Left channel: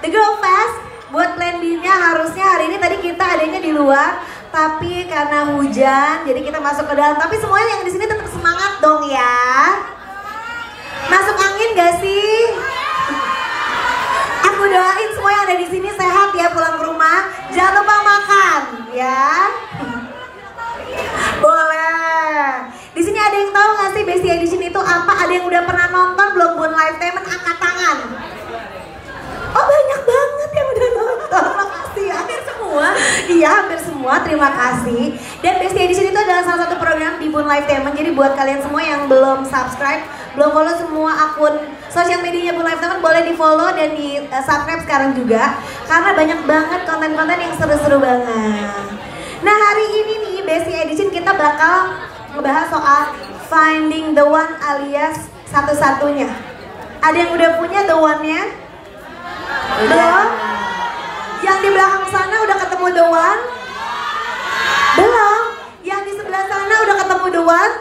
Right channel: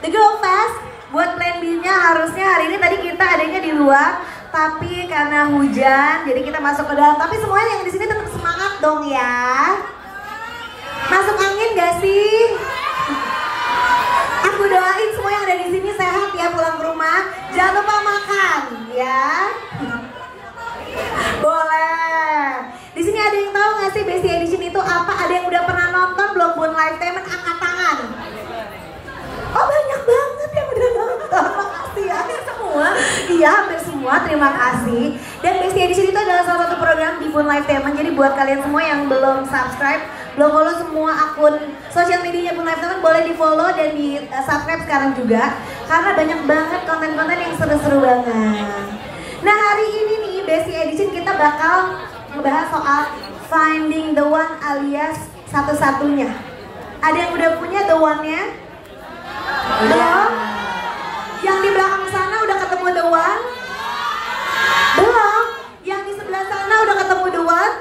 The Girl Fest buat plan B-nya harusnya hari ini tadi kita adanya di luar, tapi karena hujan jadi kita masuk ke dalam. Tapi semuanya yang di sini tetap semangat dong ya. Masuk angin gak sih? Aku doain semua yang ada di sini sehat ya pulang ke rumah. Jangan lupa makan ya. Boleh. Di sini ada yang tahu nggak sih Bestie Edition itu apa? Ada yang udah pernah nonton belum Bun Live Temen? Angkat tangan. Oh banyak banget yang udah nonton. Makasih ya. Hampir semua. Iya hampir semua. Terima kasih. Dan Bestie Edition itu adalah salah satu program di Bun Live Temen. Jadi buat kalian semua yang belum subscribe, belum follow semua akun sosial medianya Bun Live Temen, boleh di follow dan di subscribe sekarang juga. Karena banyak banget konten-konten yang seru-seru banget. Nah hari ini nih Bestie Edition kita bakal ngebahas soal finding the one alias satu-satunya. Ada yang udah punya the one-nya? Belum? Yang di belakang sana udah ketemu the one? Belum? Yang di sebelah sana udah ketemu the one?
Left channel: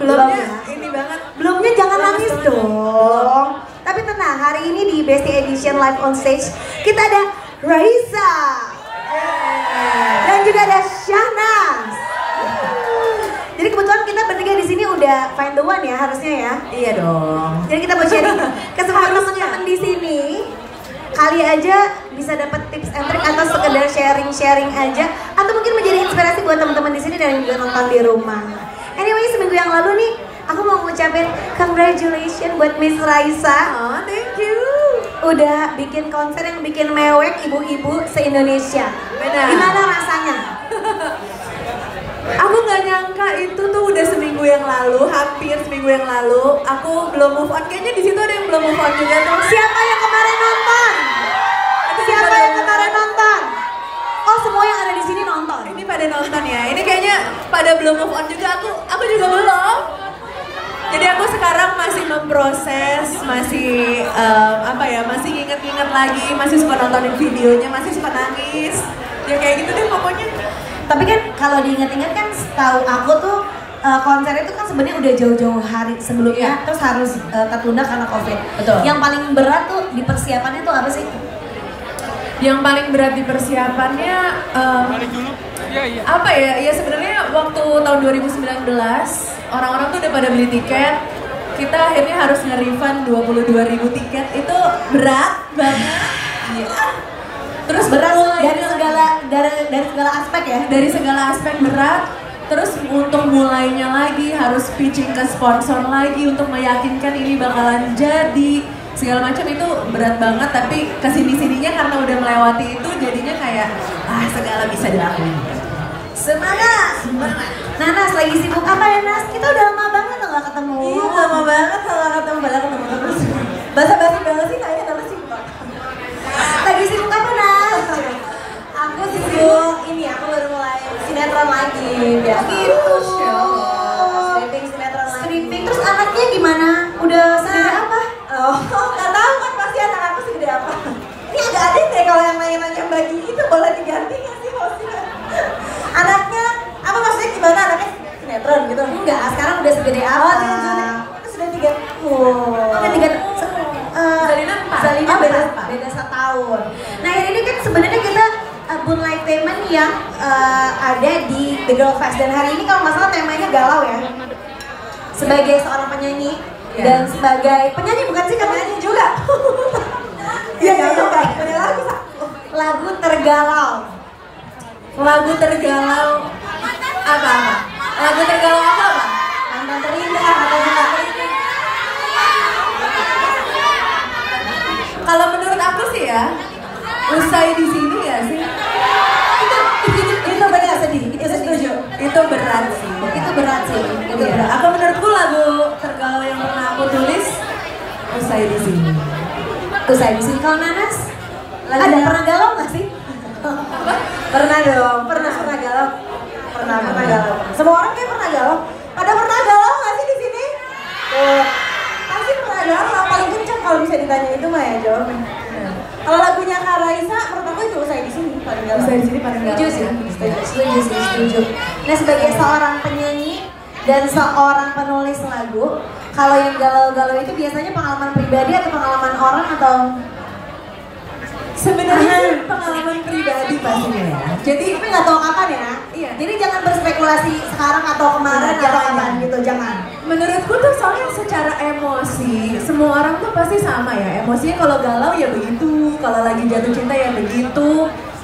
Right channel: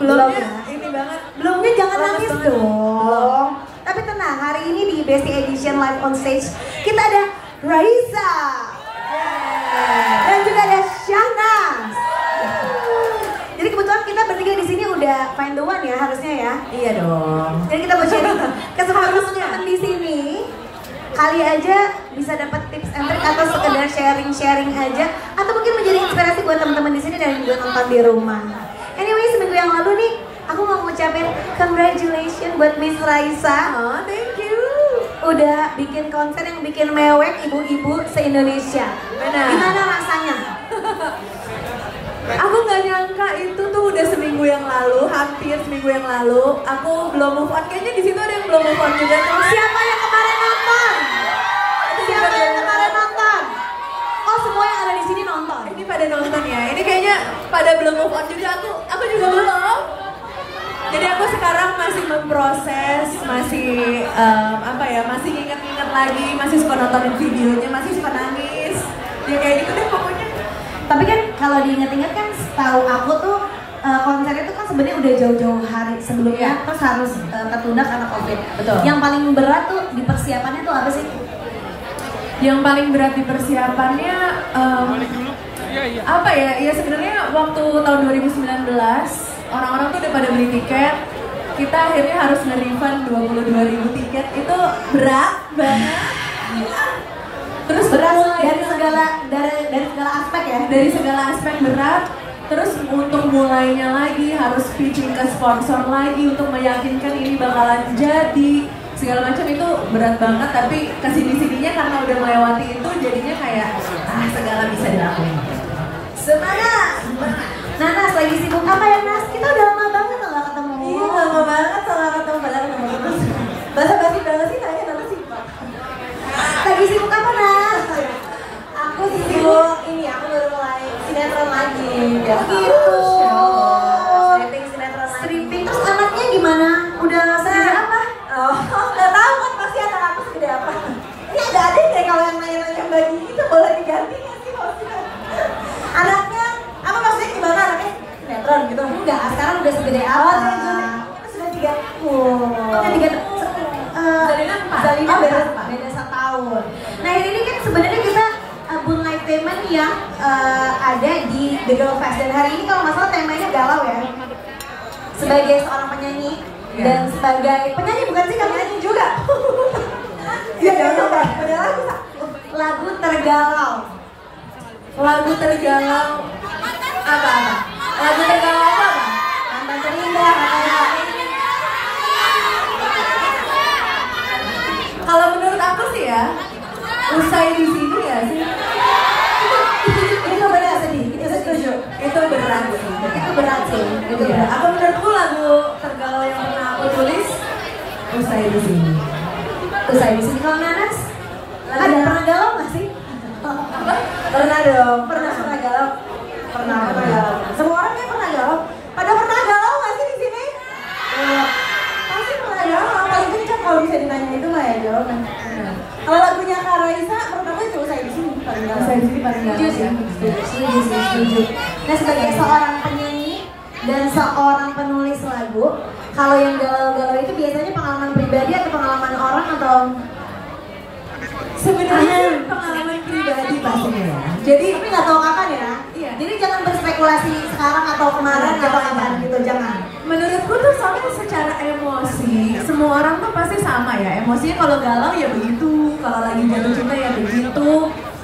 Belumnya ini banget. Belumnya jangan nangis dong. Tapi tenang, hari ini di Bestie Edition Live on Stage kita ada Raisa. Dan juga ada Shahnaz. Jadi kebetulan kita bertiga di sini udah find the one ya harusnya ya. Iya dong. Jadi kita mau sharing ke semua teman-teman di sini. Kali aja bisa dapat tips and trick atau sekedar sharing-sharing aja, atau mungkin menjadi inspirasi buat teman-teman di sini dan yang juga nonton di rumah. Anyway, seminggu yang lalu nih aku mau ngucapin congratulations buat Miss Raisa. Oh, thank you. Udah bikin konser yang bikin mewek ibu-ibu se-Indonesia. Gimana rasanya? Aku nggak nyangka itu tuh udah seminggu yang lalu, hampir seminggu yang lalu. Aku belum move on, kayaknya di situ ada yang belum move on juga tuh. Siapa yang kemarin nonton? Siapa yang kemarin nonton? Oh semua yang ada di sini nonton. Ini pada nonton ya. Ini kayaknya pada belum move on juga. Aku juga belum. Jadi aku sekarang masih memproses, masih masih nginget-nginget lagi, masih suka nontonin videonya, masih suka nangis. Ya kayak gitu deh pokoknya. Tapi kan kalau diinget-inget kan setahu aku tuh konser itu kan sebenarnya udah jauh-jauh hari sebelumnya, terus harus tertunda karena COVID. Betul. Yang paling berat tuh di persiapannya tuh apa sih? Yang paling berat di persiapannya apa ya? Ya sebenarnya waktu tahun 2019 orang-orang tuh udah pada beli tiket. Kita akhirnya harus nge-refund 22.000 tiket. Itu berat banget. Terus berat dari segala aspek ya? Dari segala aspek berat. Terus untuk mulainya lagi harus pitching ke sponsor lagi untuk meyakinkan ini bakalan jadi. Segala macam itu berat banget, tapi kesini-sininya karena udah melewati itu jadinya kayak segala bisa dilakuin. Semangat! Nas lagi sibuk apa ya Nas? Kita udah lama banget tuh gak ketemu. Iya lama banget kalau ketemu terus. Basa-basi banget sih nanya nama sih. Lagi sibuk apa Nas? Aku sibuk ini, aku baru mulai sinetron lagi. Gitu. Stripping sinetron lagi. Stripping, terus anaknya gimana? Udah segede apa? Oh, nggak tahu kan pasti anak aku segede apa. Ini ada adik deh kalau yang nanya-nanya bagi itu boleh diganti nggak sih hostnya? Anaknya, apa maksudnya gimana anaknya sinetron gitu? Enggak, sekarang udah segede apa? Itu sudah 3. Udah 3 Zalina 4. Zalina beda setahun. Nah ini kan sebenarnya kita Bun Live Temen yang ada di The Girl Fest. Dan hari ini kalau nggak salah temanya galau ya. Sebagai seorang penyanyi dan sebagai penyanyi bukan sih, kamu nyanyi juga. Iya juga. Ada Lagu tergalau. Lagu tergalau apa? Lagu tergalau apa? Mantan terindah. Kalau menurut aku sih ya, usai di sini ya sih. Itu berat sedih. Itu setuju. Itu berat sih. Itu berat sih. Itu berat. Apa menurutku lagu tergalau yang pernah aku tulis usai di sini. Usai di sini. Kalau Nanas, ada pernah galau nggak sih? Pernah dong. Pernah galau. Pernah galau. Semua orang kayak pernah galau. Pada pernah galau nggak sih di sini? Pasti pernah galau. Paling kencang kalau bisa ditanya itu mah ya jawabannya. Kalau lagunya Kak Raisa, menurut aku itu usai di sini paling galau. Usai di sini paling galau. Setuju. Nah sebagai seorang penyanyi dan seorang penulis lagu, kalau yang galau-galau itu biasanya pengalaman pribadi atau pengalaman orang atau Sebenarnya pengalaman pribadi pastinya ya. Jadi tapi nggak tahu kapan ya. Iya. Jadi jangan berspekulasi sekarang atau kemarin atau kapan gitu, jangan. menurutku tuh soalnya secara emosi semua orang tuh pasti sama ya. Emosinya kalau galau ya begitu, kalau lagi jatuh cinta ya begitu.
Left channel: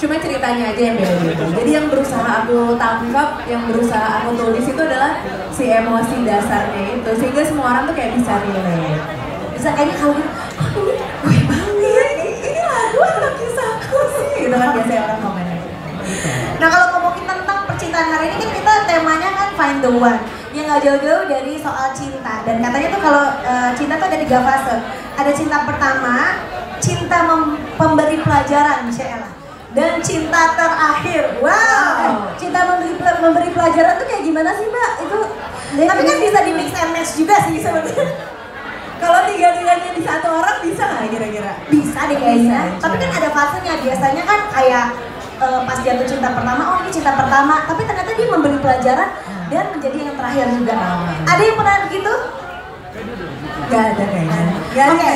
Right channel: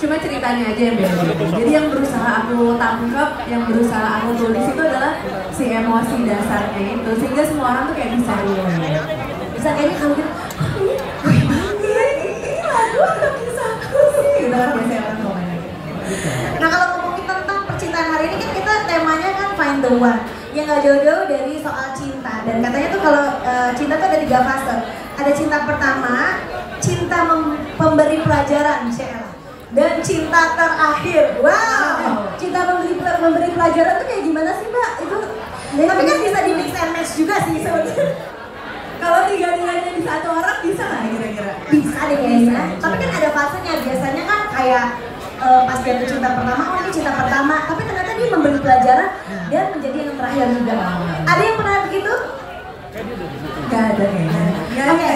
Cuma ceritanya aja yang beda-beda. Jadi yang berusaha aku tangkap, yang berusaha aku tulis itu adalah si emosi dasarnya itu, sehingga semua orang tuh kayak bisa relate. Bisa kayaknya kalau gitu, Gue banget, ini lagu atau kisahku sih? Gitu kan biasanya orang komennya. nah kalau ngomongin tentang percintaan hari ini kan kita temanya kan find the one, yang nggak jauh-jauh dari soal cinta. Dan katanya tuh kalau cinta tuh ada 3 fase. Ada cinta pertama, cinta pemberi pelajaran, Sheila, dan cinta terakhir. Wow. Cinta memberi pelajaran tuh kayak gimana sih Mbak? Itu Tapi kan bisa di mix and match juga sih sebenarnya. kalau tiga-tiganya di satu orang bisa nggak kira-kira? Bisa deh kayaknya. Tapi kan ada fasenya. Biasanya kan kayak pas jatuh cinta pertama, oh ini cinta pertama. Tapi ternyata dia memberi pelajaran dan menjadi yang terakhir juga. Ada yang pernah begitu? Gak ada kayaknya. Gak ada. Oke,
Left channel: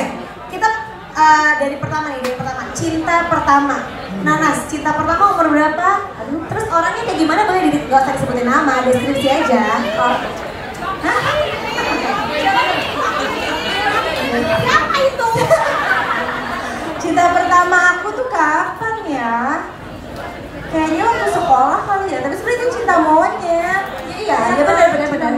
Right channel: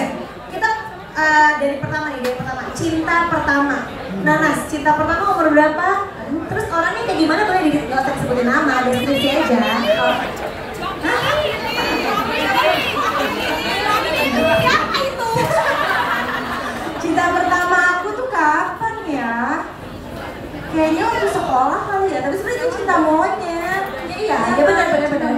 kita dari pertama nih, dari pertama. Cinta pertama. Nanas, cinta pertama umur berapa? Terus orangnya kayak gimana? Boleh gak usah disebutin nama, deskripsi aja. Hah? Siapa itu? Cinta pertama aku tuh kapan ya? Kayaknya waktu sekolah kali ya. Tapi sebenarnya itu cinta monyet. Iya, ya benar.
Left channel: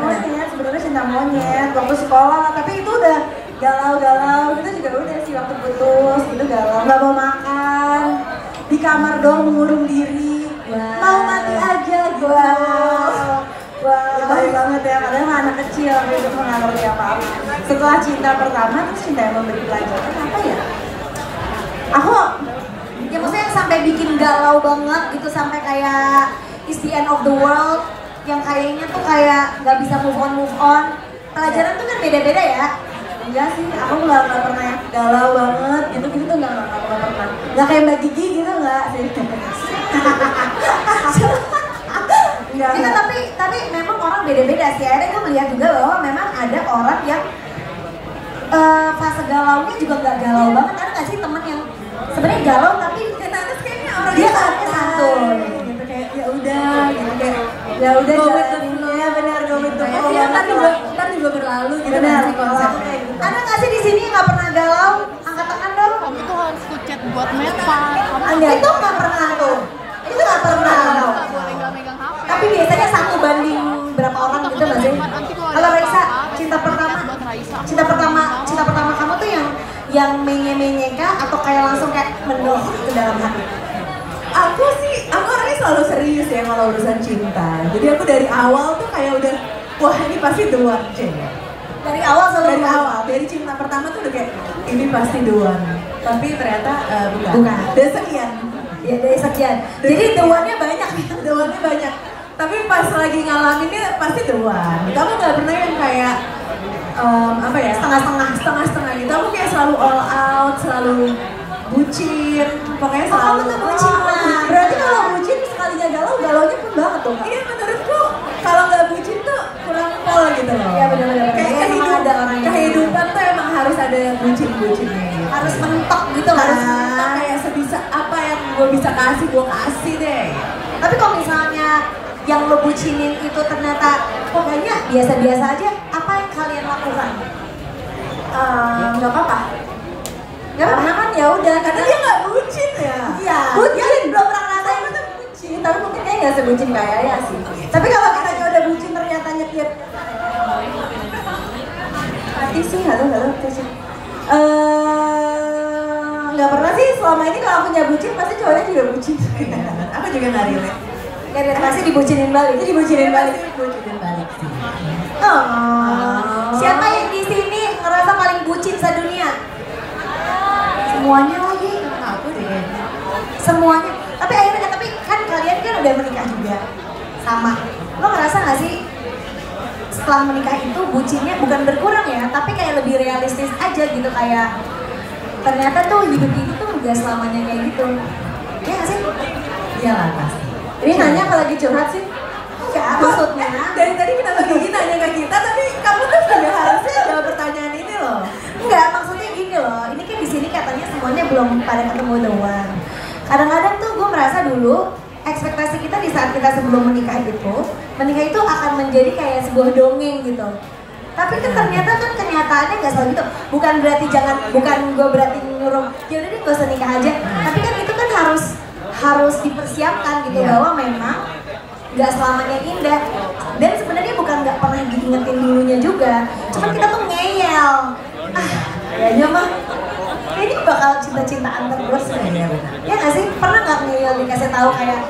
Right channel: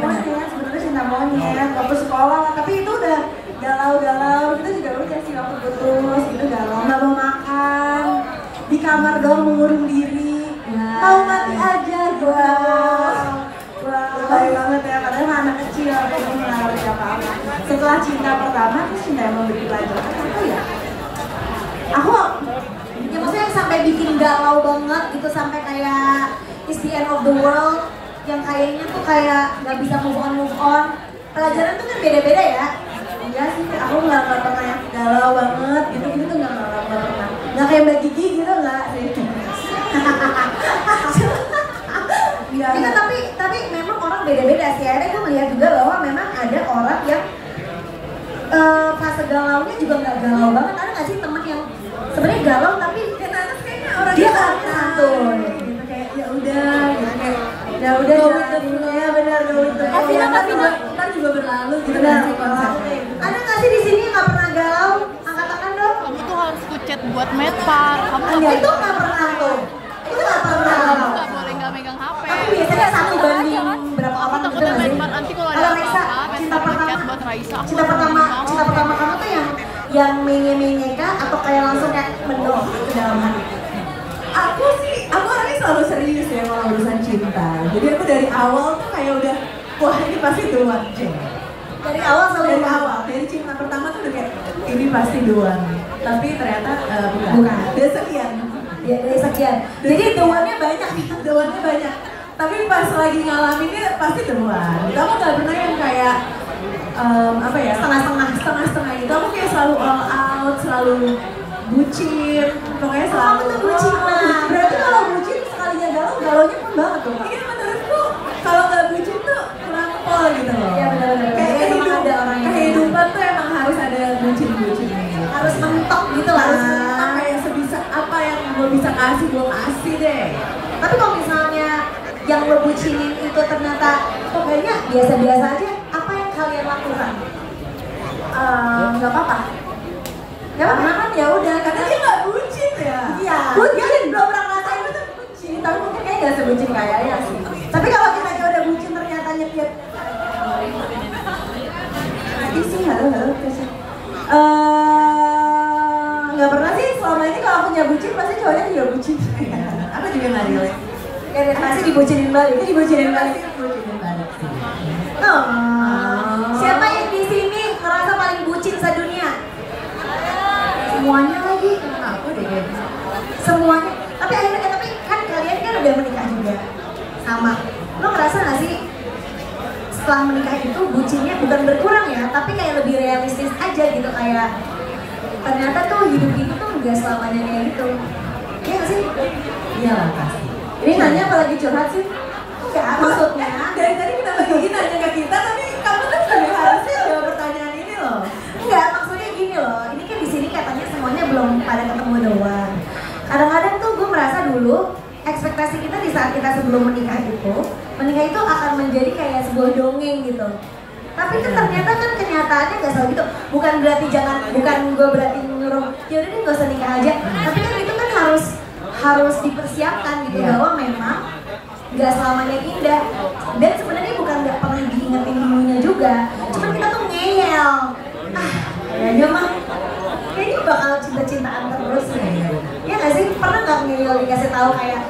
Monyet, sebenarnya cinta monyet. Waktu sekolah, tapi itu udah galau-galau. Itu juga udah sih waktu putus. Itu galau, nggak mau makan. Di kamar doang mengurung diri. Mau mati aja gitu. Wah, baik banget ya. Kadang anak kecil itu nggak ngerti apa-apa. Setelah cinta pertama, terus cinta yang memberi pelajaran apa ya? Aku Ya maksudnya yang sampai bikin galau banget gitu, sampai kayak it's the end of the world, yang kayaknya tuh kayak nggak bisa move on. Pelajaran tuh kan beda-beda ya. enggak sih, aku nggak pernah yang galau banget gitu tuh nggak pernah. Nggak kayak Mbak Gigi gitu nggak sih? Itu tapi memang orang beda-beda sih. Akhirnya gue melihat juga bahwa memang ada orang yang fase galaunya juga nggak galau banget. Ada nggak sih temen yang sebenarnya galau tapi Kayaknya orang dia orangnya santuy gitu, kayak ya udah gitu, kayak ya udah jalaninnya benar go with the flow. Ntar juga berlalu gitu. Benar. Sih konsepnya itu. Ada nggak sih di sini yang nggak pernah galau? Angkat tangan dong. Kamu tuh harus kucet buat metal. Kamu Itu nggak pernah tuh. Itu nggak pernah. nggak boleh nggak megang HP. Tapi biasanya 1 banding berapa orang gitu nggak sih? Kalau Raisa, cinta pertama kamu tuh yang menye-menye kah atau kayak langsung kayak mendung ke dalam hati? Aku orangnya selalu serius ya kalau urusan cinta. Jadi aku dari awal tuh kayak udah, wah ini pasti the one. Dari awal selalu Dari cinta pertama tuh udah kayak ini pasti the one. Tapi ternyata Bukan. Dan sekian. ya dari sekian. Jadi the one-nya banyak. The one-nya banyak. Tapi pas lagi ngalaminnya pasti the one. Kamu nggak pernah yang kayak apa ya, setengah-setengah gitu. Aku kayak selalu all out, selalu bucin, pokoknya selalu kamu tuh bucin lah. Berarti kalau bucin sekalinya galaunya pun banget tuh Kak. Iya menurutku kalau nggak bucin tuh kurang pol gitu loh. Iya benar-benar. Kayak Emang ada orang yang kehidupan tuh emang harus ada bucin-bucinnya gitu. harus mentok gitu lah. Harus mentok, kayak sebisa apa yang gue bisa kasih, gue kasih deh. Tapi kalau misalnya yang lo bucinin itu ternyata kok kayaknya biasa-biasa aja, apa yang kalian lakukan? Nggak apa-apa. Karena kan ya udah, karena dia nggak bucin ya. Iya. Bucin, belum pernah ngerasain itu bucin. Tapi mungkin kayaknya nggak sebucin kayaknya sih. Tapi kalau kita udah bucin ternyata nyetiap. Mati sih, nggak tahu sih. Nggak pernah sih selama ini kalau aku punya bucin pasti cowoknya juga bucin. Aku juga nggak relate. Kayak pasti dibucinin balik. Jadi bucinin balik sih. Siapa yang di sini ngerasa paling bucin sedunia? Semuanya lagi. Aku deh. Semuanya. Tapi akhirnya kan kalian kan udah menikah juga. Sama. Lo ngerasa gak sih setelah menikah itu bucinnya bukan berkurang ya, tapi kayak lebih realistis aja gitu, kayak ternyata tuh hidup ini tuh gak selamanya kayak gitu. Iya gak sih? Iyalah pasti. Ini nanya kalau lagi curhat sih? Ya maksudnya. Dari tadi kita bagi nanya ke kita, tapi kamu tuh sudah harusnya jawab pertanyaan ini loh. Enggak, maksudnya gini loh, ini kan di sini katanya semuanya belum pada ketemu doang. Kadang-kadang tuh gue merasa dulu ekspektasi kita di saat kita sebelum menikah itu akan menjadi kayak sebuah dongeng gitu. Tapi kan ternyata kan kenyataannya nggak selalu gitu. Bukan gue berarti nyuruh yaudah nih gak usah nikah aja. Tapi kan itu kan harus dipersiapkan gitu bahwa memang nggak selamanya indah. Dan sebenarnya bukan nggak pernah diingetin dulunya juga. Cuman kita tuh ngeyel. Kayaknya mah kayaknya bakal cinta-cintaan terus ya. Ya nggak sih? Pernah nggak ngeyel dikasih tahu kayak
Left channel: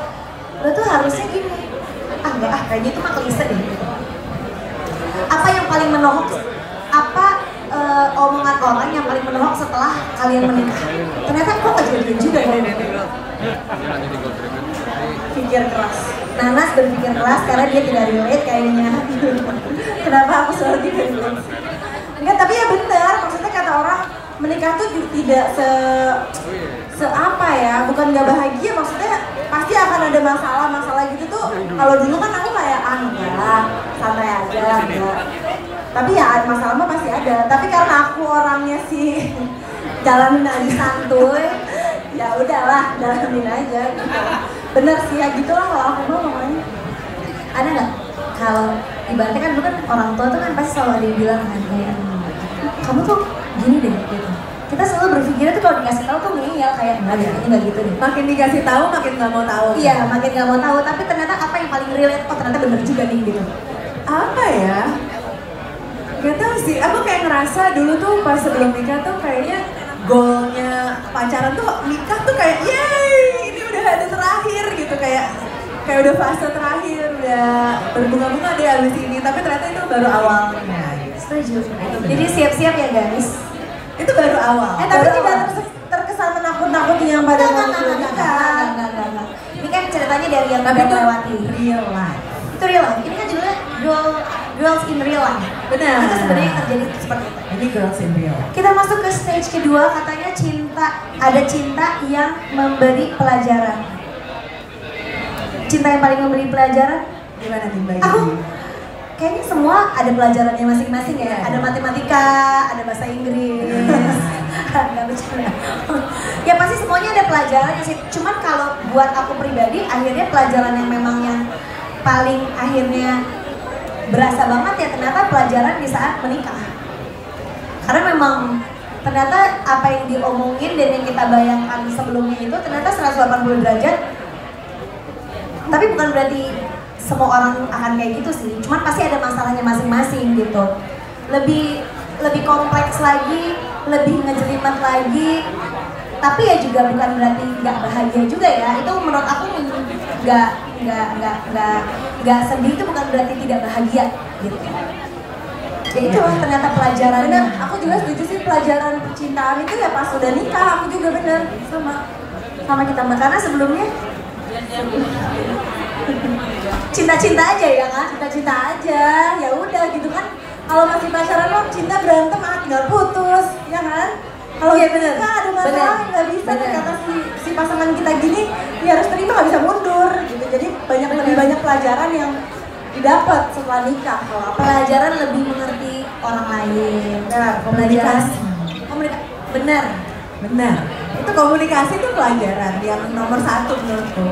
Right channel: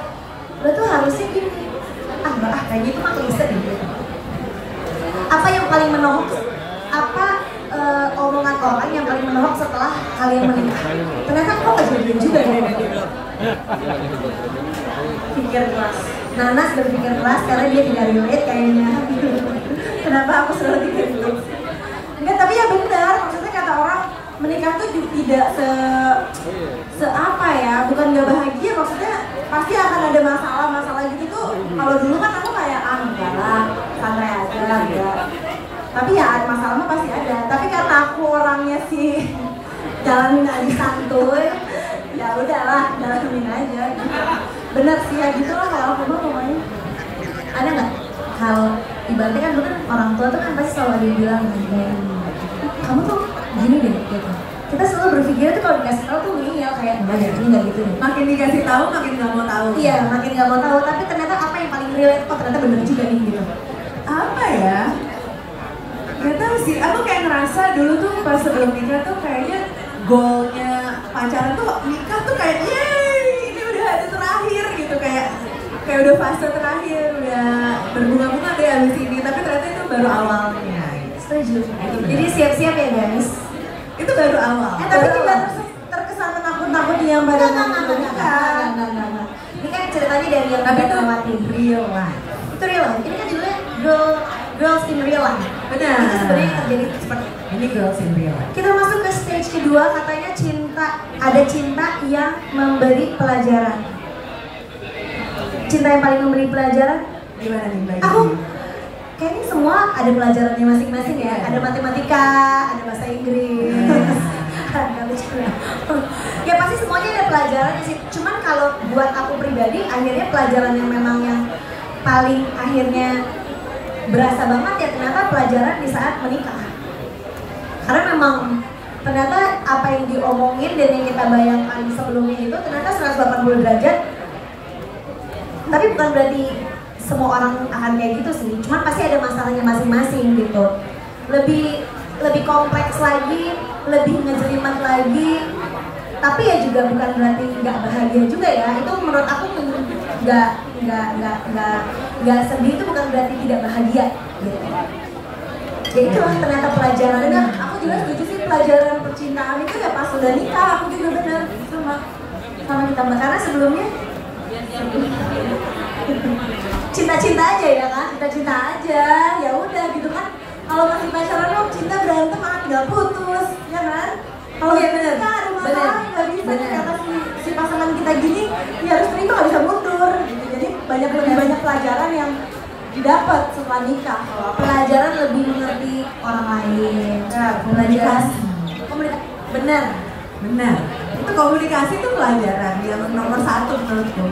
lo tuh harusnya gini. Enggak kayak gitu mah klise deh. Apa yang paling menohok? Omongan orang yang paling menohok setelah kalian menikah? Ternyata kok gak jadian juga ya? Pikir keras. Nanas berpikir keras karena dia tidak relate kayaknya. Kenapa aku selalu tidak relate? Enggak, tapi ya benar. Maksudnya kata orang menikah tuh tidak apa ya? Bukan gak bahagia, maksudnya pasti akan ada masalah gitu tuh. Kalau dulu kan aku kayak enggak lah, santai aja, enggak. Tapi ya masalah mah pasti ada. Tapi karena aku orangnya sih jalanin aja santuy, ya udahlah jalanin aja gitu. Bener sih ya gitulah kalau aku mah pokoknya. Ada nggak kalau ibaratnya kan dulu kan orang tua tuh kan pasti selalu ada yang bilang kan ya, kamu tuh gini deh gitu. Kita selalu berpikir tuh kalau dikasih tahu tuh ngeyel kayak enggak ya ini nggak gitu deh. Makin dikasih tahu makin nggak mau tahu. Iya makin nggak mau tahu. Tapi ternyata apa yang paling relate kok ternyata bener juga nih gitu. Apa ya? Gak tau sih, aku kayak ngerasa dulu tuh pas sebelum nikah tuh kayaknya goalnya pacaran tuh nikah tuh kayak yeay ini udah ada terakhir gitu, kayak udah fase terakhir, udah berbunga-bunga deh abis ini, tapi ternyata itu baru awalnya. Setuju. Jadi siap-siap ya guys. Itu baru awal. Tapi tidak terkesan menakut-nakuti yang pada nikah. Enggak. Ini kan ceritanya dari yang tapi udah melewati real life. Itu real life. Ini kan judulnya Girls in Real Life. Benar. Itu sebenarnya terjadi seperti itu. Ini Girls in Real Life. Kita masuk ke stage kedua, katanya ada cinta yang memberi pelajaran. Cinta yang paling memberi pelajaran? Gimana nih Mbak? Aku kayaknya semua ada pelajarannya masing-masing ya. Ada matematika, ada bahasa Inggris. Ada bercanda. Ya pasti semuanya ada pelajarannya sih. Cuman kalau buat aku pribadi, akhirnya pelajaran yang memang yang paling akhirnya berasa banget ya ternyata pelajaran di saat menikah. Karena memang ternyata apa yang diomongin dan yang kita bayangkan sebelumnya itu ternyata 180 derajat. Tapi bukan berarti semua orang akan kayak gitu sih. Cuman pasti ada masalahnya masing-masing gitu. Lebih kompleks lagi, lebih ngejelimet lagi. Tapi ya juga bukan berarti nggak bahagia juga ya. Itu menurut aku nggak sedih itu bukan berarti tidak bahagia gitu. Jadi itulah ternyata pelajaran. Benar, aku juga setuju sih pelajaran percintaan itu ya pas sudah nikah. Aku juga benar sama kita mbak, karena sebelumnya cinta-cinta aja ya kan, cinta-cinta aja ya udah gitu kan. Kalau masih pacaran kan cinta berantem tinggal putus ya kan. Kalau ya benar ada masalah nggak bisa kata si pasangan kita gini ya harus terima, nggak bisa mundur gitu. Jadi lebih banyak pelajaran yang didapat setelah nikah. Pelajaran lebih mengerti orang lain. Komunikasi. Benar. Itu komunikasi itu pelajaran yang nomor 1 menurutku.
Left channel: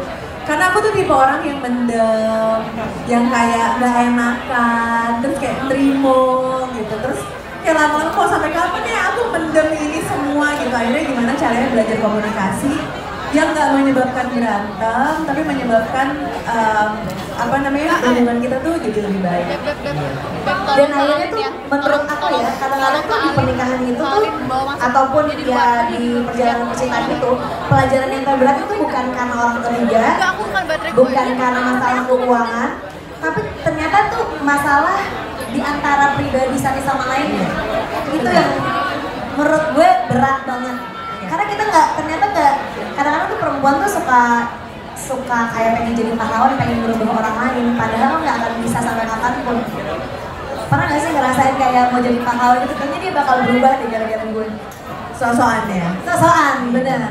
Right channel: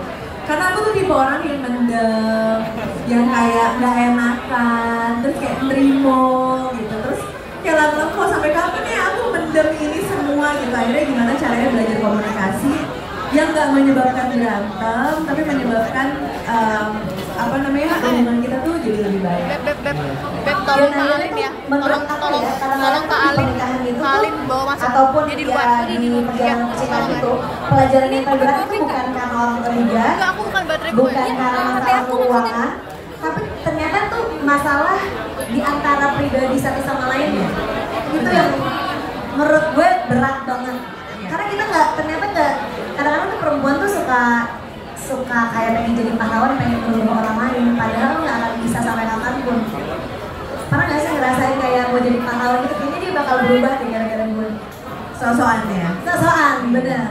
Karena aku tuh tipe orang yang mendem, yang kayak nggak enakan, terus kayak nerimo gitu. Terus kayak lama-lama kok sampai kapan ya aku mendem ini semua gitu. Akhirnya gimana caranya belajar komunikasi yang nggak menyebabkan berantem, tapi menyebabkan hubungan kita tuh jadi lebih baik. Dan akhirnya tuh menurut aku ya, kadang-kadang tuh di pernikahan itu ataupun ya di perjalanan percintaan itu pelajaran yang terberat itu bukan karena orang ketiga, bukan karena masalah keuangan, tapi ternyata tuh masalah di antara pribadi satu sama lainnya. Itu yang menurut gue berat banget. Karena kita ternyata kadang-kadang tuh perempuan tuh suka kayak pengen jadi pahlawan, pengen menuduh orang lain, padahal nggak akan bisa sampai kapanpun. Pernah nggak sih ngerasain kayak mau jadi pahlawan itu kayaknya dia bakal berubah deh gara-gara gue? Sosokan ya? Sosokan, bener.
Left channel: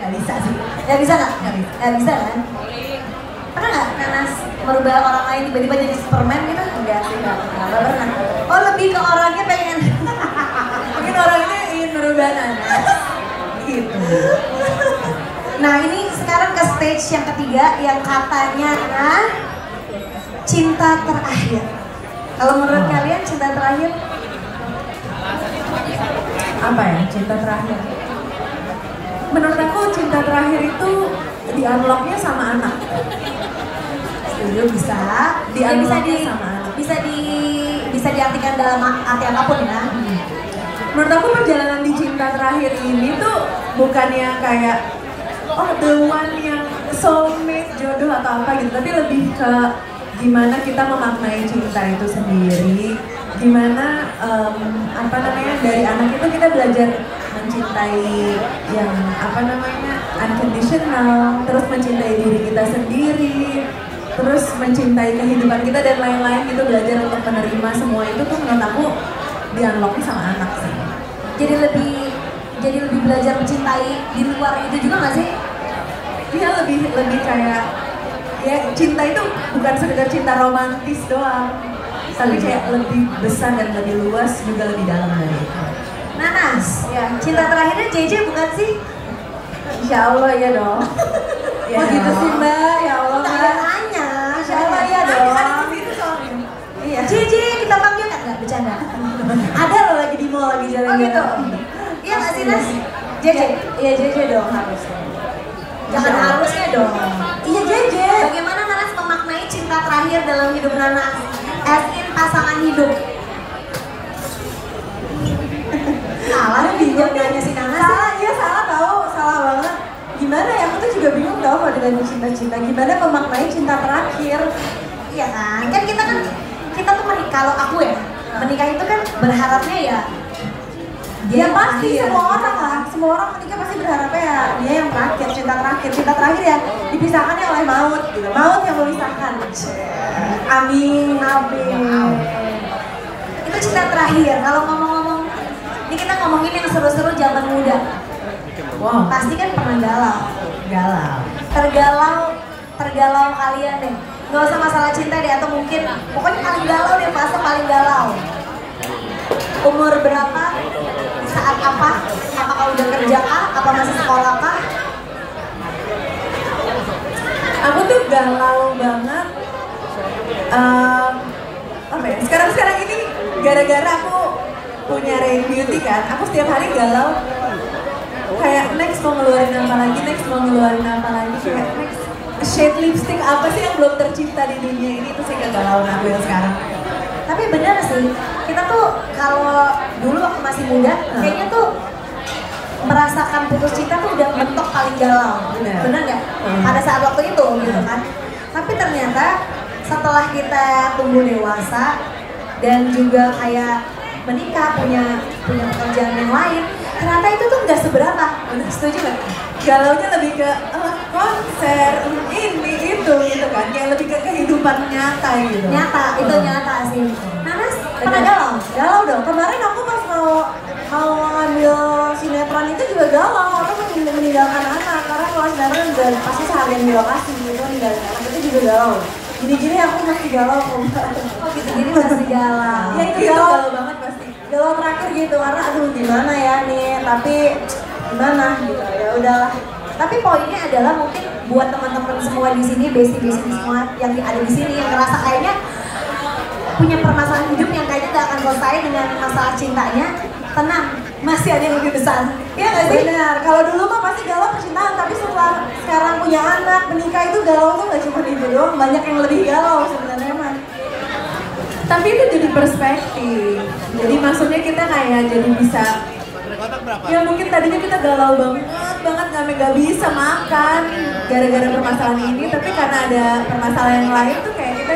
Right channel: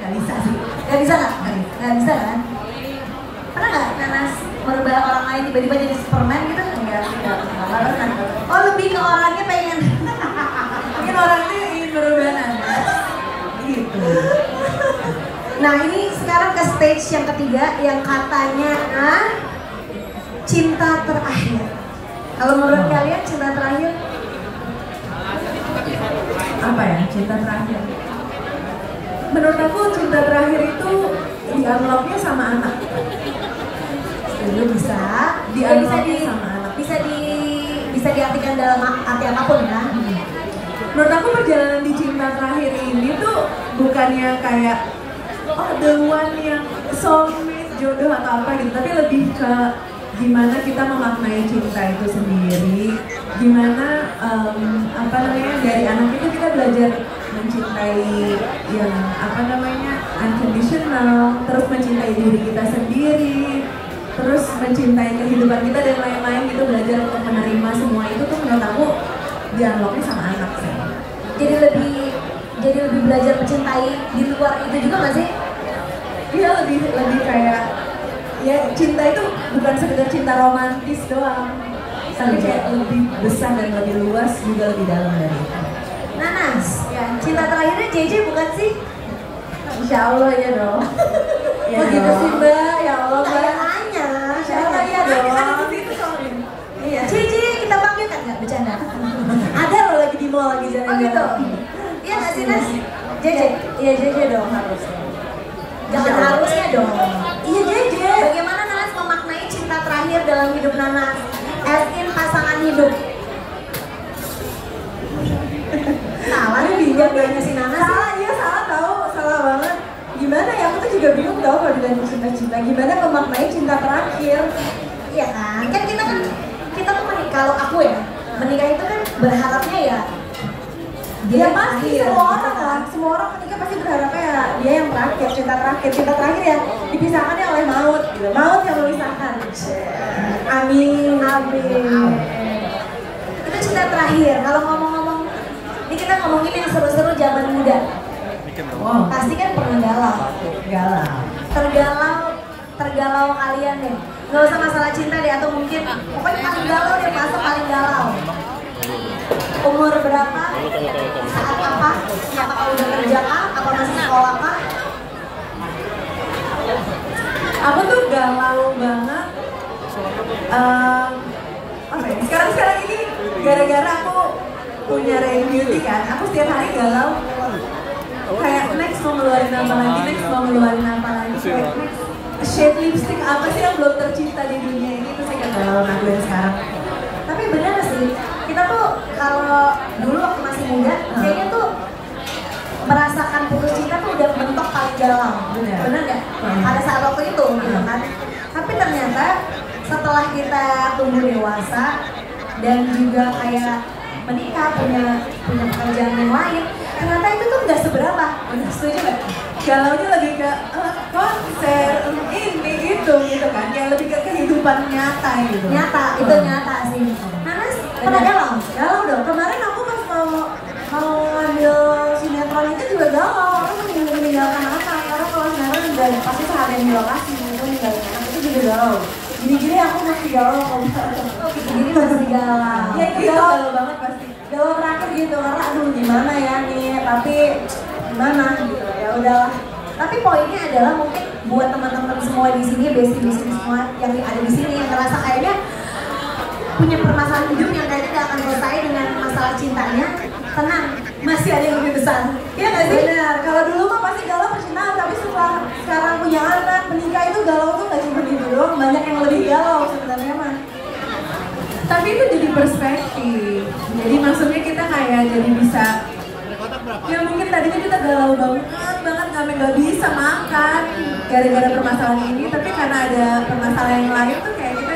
Gak bisa sih. Gak bisa nggak? Gak bisa kan? Pernah nggak Nanas merubah orang lain tiba-tiba jadi Superman gitu? Enggak sih, nggak pernah. Oh lebih ke orangnya pengen. Mungkin orangnya ingin merubah Nanas. Nah ini sekarang ke stage yang ketiga yang katanya cinta terakhir. Kalau menurut kalian cinta terakhir Apa ya cinta terakhir? Menurut aku cinta terakhir itu di unlock-nya sama anak. itu bisa Di ya, bisa unlock-nya di sama anak. bisa diartikan dalam arti apapun ya. Menurut aku perjalanan di cinta terakhir ini tuh bukannya kayak the one yang soulmate, jodoh atau apa gitu, tapi lebih ke gimana kita memaknai cinta itu sendiri, gimana apa namanya dari anak itu kita belajar mencintai yang apa namanya unconditional, terus mencintai diri kita sendiri, terus mencintai kehidupan kita dan lain-lain gitu, belajar untuk menerima semua itu tuh menurut aku di unlock-nya sama anak sih. Jadi lebih belajar mencintai di luar itu juga nggak sih? Dia lebih kayak ya cinta itu bukan sekedar cinta romantis doang, tapi kayak lebih besar dan lebih luas juga lebih dalam dari itu. Nanas, ya cinta terakhirnya JJ bukan sih? Insya Allah ya dong. Ya Begitu dong. sih Mbak, ya Allah Mbak. Tanya, Insya Allah ya dong. Iya. JJ kita panggil kan nggak bercanda? Ada loh lagi di mall lagi jalan. Oh gitu. Iya nggak sih Nas? JJ, iya JJ dong harus. Jangan Insya Allah. harusnya dong. Iya JJ. Bagaimana Nanas memaknai cinta terakhir dalam hidup Nanas? As in pasangan hidup. Salah nih bingung nanya si Nanas. Salah, iya salah tau, salah banget. Gimana ya, aku tuh juga bingung tau kalau dengan cinta-cinta. Gimana memaknai cinta terakhir? Iya kan? Kan kita tuh menikah, kalau aku ya menikah itu kan berharapnya ya Dia pasti terakhir. semua orang lah, semua orang menikah pasti berharapnya ya dia yang terakhir, cinta terakhir ya dipisahkannya oleh maut gitu, maut yang memisahkan. Amin, amin. Itu cinta terakhir. Kalau ngomong-ngomong, ini kita ngomongin yang seru-seru zaman muda. Wow, Pasti kan pernah galau. Tergalau kalian deh. Gak usah masalah cinta deh, atau mungkin pokoknya paling galau deh, fase paling galau. Umur berapa? Saat apa? Apakah udah kerja kah? Apa masih sekolah kah? aku tuh galau banget. Apa ya? Sekarang ini gara-gara aku punya Rain Beauty kan, aku setiap hari galau. Kayak next mau ngeluarin apa lagi, kayak next shade lipstick apa sih yang belum tercipta di dunia ini, itu sih kegalauan aku yang sekarang. Tapi benar sih, kita tuh kalau dulu waktu masih muda, kayaknya tuh merasakan putus cinta tuh udah mentok paling galau. Benar nggak? Pada saat waktu itu, gitu kan. Tapi ternyata setelah kita tumbuh dewasa dan juga kayak menikah, punya pekerjaan yang lain, ternyata itu tuh nggak seberapa. Benar, setuju nggak? Galaunya lebih ke konser ini itu gitu kan, yang lebih ke kehidupan nyata gitu. Nyata, itu nyata sih. Nanas, pernah galau? Galau dong. Kemarin aku pas mau ngambil sinetron itu juga galau. Aku meninggalkan anak, karena kalau sinetron udah pasti seharian di lokasi gitu, meninggalkan anak itu juga galau. Gini-gini aku masih galau kok. Oh gitu, jadi masih galau. Ya itu galau banget pasti. Galau terakhir gitu, karena aduh gimana ya nih, tapi gimana gitu, ya udahlah. Tapi poinnya adalah mungkin buat teman-teman semua di sini, besti-besti semua yang ada di sini yang ngerasa kayaknya punya permasalahan hidup yang kayaknya gak akan selesai dengan masalah cintanya, tenang, masih ada yang lebih besar. Iya nggak sih? Benar, kalau dulu mah pasti galau percintaan, tapi setelah sekarang punya anak, menikah itu galau tuh gak cuma itu doang, banyak yang lebih galau sebenarnya mah. Tapi itu jadi perspektif, jadi maksudnya kita kayak jadi bisa, ya mungkin tadinya kita galau banget nggak bisa makan gara-gara permasalahan ini, tapi karena ada permasalahan yang lain tuh kayak kita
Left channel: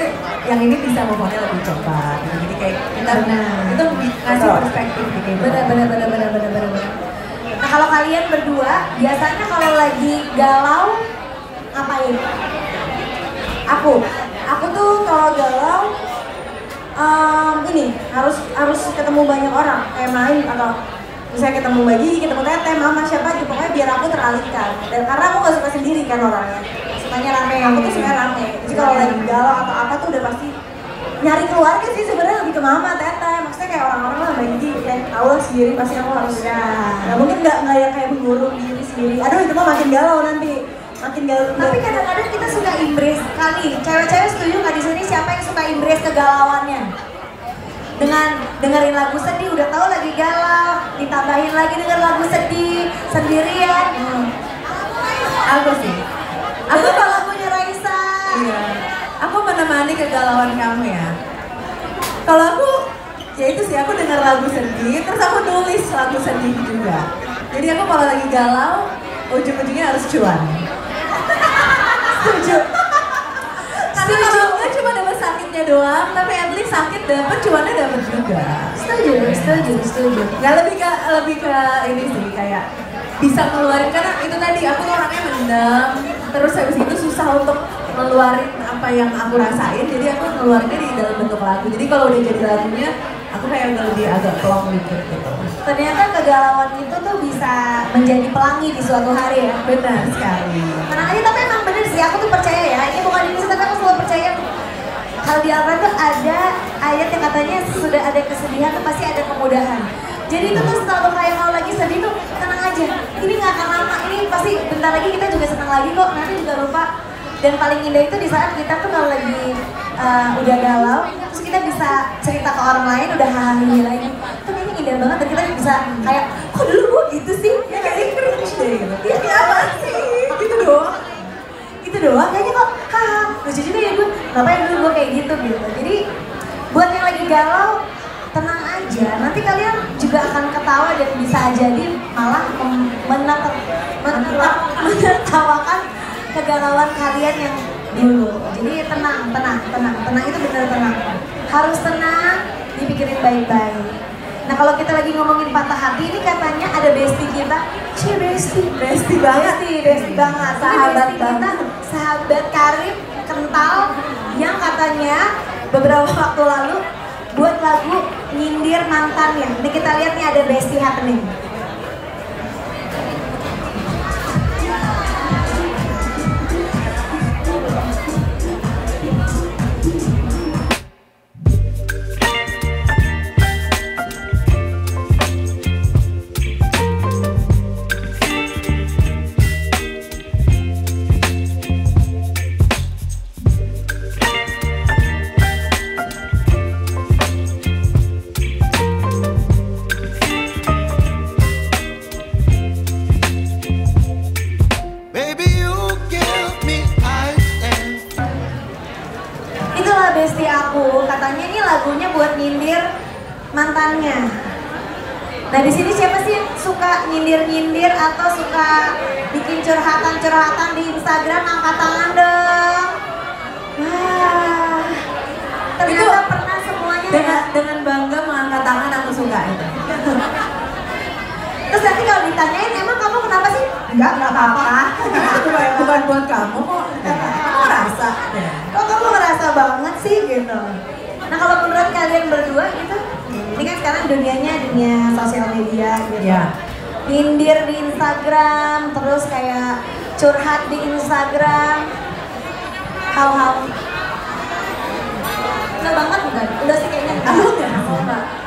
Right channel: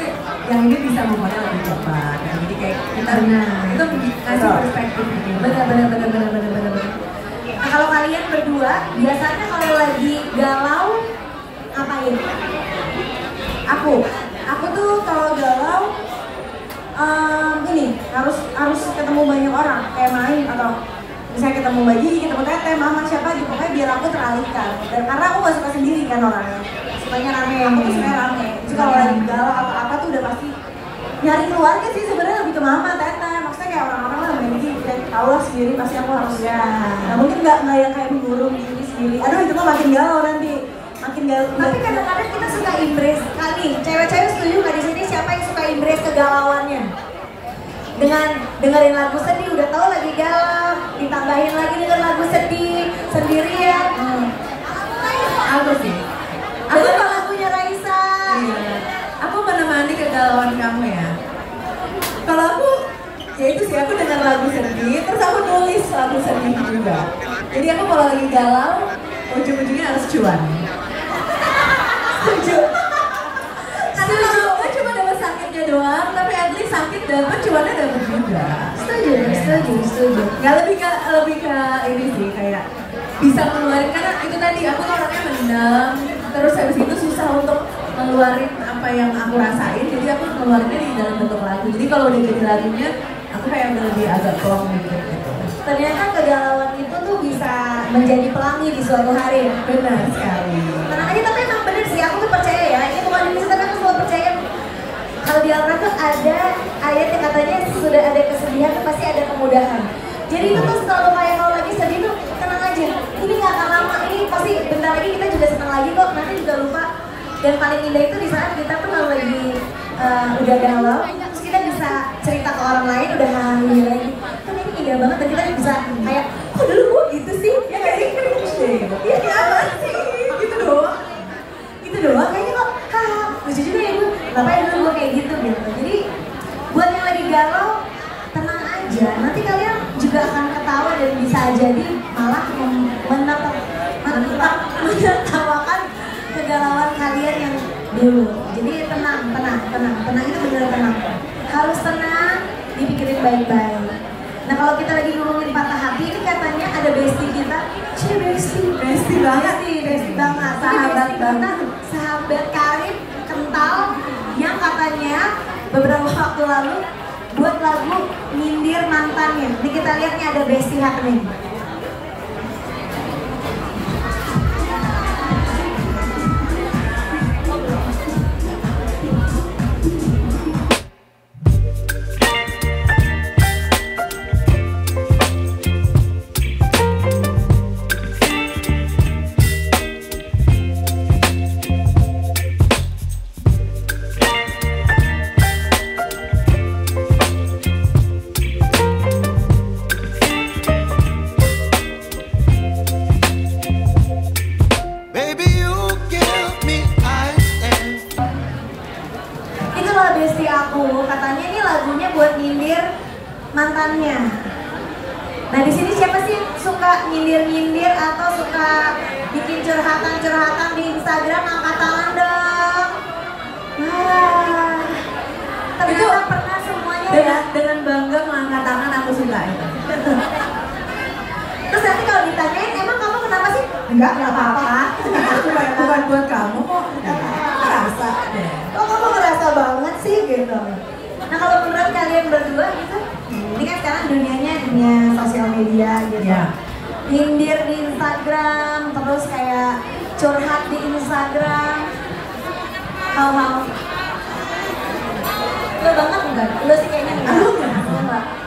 yang ini bisa ngomongnya lebih cepat gitu. Jadi kayak kita itu ngasih perspektif gitu. Bener. Nah kalau kalian berdua, biasanya kalau lagi galau, ngapain? Aku tuh kalau galau ini harus ketemu banyak orang, kayak main atau misalnya ketemu Bagi, ketemu Teteh, Mama, siapa gitu, pokoknya biar aku teralihkan. Dan karena aku gak suka sendiri kan orangnya, sukanya rame, aku tuh sukanya rame. Jadi kalau lagi galau atau apa tuh udah pasti nyari keluarga sih sebenarnya, lebih ke Mama, Teteh. Maksudnya kayak orang-orang lah main game, kayak tau lah sendiri pasti aku harus nah mungkin nggak yang kayak mengurung diri sendiri. Aduh itu mah makin galau nanti, makin galau. Tapi kadang-kadang kita suka embrace kali. Cewek-cewek setuju nggak di sini siapa yang suka embrace kegalauannya? Dengan dengerin lagu sedih, udah tahu lagi galau, ditambahin lagi dengan lagu sedih sendirian. Aku sih. Aku kalau lagunya Raisa. Iya. Aku menemani kegalauan kamu ya. Kalau aku, ya itu sih aku denger lagu sedih, terus aku nulis lagu sedih juga. Jadi aku kalau lagi galau, ujung-ujungnya harus cuan. Setuju. Karena kalau enggak cuma dapat sakitnya doang, tapi at least sakit dapat, cuannya dapat juga. Setuju. Nggak lebih ke ini sih kayak bisa ngeluarin, karena itu tadi aku tuh orangnya mendem, terus habis itu susah untuk ngeluarin apa yang aku rasain, jadi aku ngeluarinnya di dalam bentuk lagu. Jadi kalau udah jadi lagunya, aku kayak lebih agak plong dikit gitu. Ternyata kegalauan itu tuh bisa menjadi pelangi di suatu hari ya. Benar sekali. Karena aja tapi emang bener sih, aku tuh percaya ya, ini bukan ini sih, tapi aku selalu percaya kalau di Al-Quran tuh ada ayat yang katanya sudah ada kesedihan tuh pasti ada kemudahan. Jadi itu tuh selalu kayak kalau lagi sedih tuh tenang aja, ini gak akan lama, ini pasti bentar lagi kita juga senang lagi kok, nanti juga lupa. Dan paling indah itu di saat kita tuh kalau lagi udah galau, terus kita bisa cerita ke orang lain, udah hahaha lagi. Tapi ini indah banget dan kita bisa kayak, kok dulu gue gitu sih? Ya kayak cringe deh gitu. Iya kenapa sih? Gitu doang. Kayaknya kok, haha, lucu juga ya gue. Ngapain dulu gue kayak gitu. Jadi buat yang lagi galau, tenang aja. Nanti kalian juga akan ketawa dan bisa jadi malah menertawakan kegalauan kalian yang dulu. Jadi tenang, itu benar tenang. Harus tenang, dipikirin baik-baik. Nah kalau kita lagi ngomongin patah hati, ini katanya ada bestie kita. Bestie banget. Sahabat karib kental yang katanya beberapa waktu lalu buat lagu nyindir mantannya. Ini kita lihat nih ada bestie happening. Bestie aku, katanya ini lagunya buat nyindir mantannya. Nah di sini siapa sih yang suka nyindir atau suka bikin curhatan di Instagram? Angkat tangan dong. Wah, ternyata pernah semuanya dengan bangga mengangkat tangan, aku suka itu. Terus nanti kalau ditanyain, emang kamu kenapa sih? Enggak apa-apa. Bukan buat kamu kok. Ngerasa deh. Oh kamu ngerasa banget sih gitu. Nah kalau menurut kalian berdua gitu, ini kan sekarang dunianya dunia sosial media gitu. Ya. Nyindir di Instagram, terus kayak curhat di Instagram. Hal-hal lo banget bukan? Udah sih kayaknya enggak.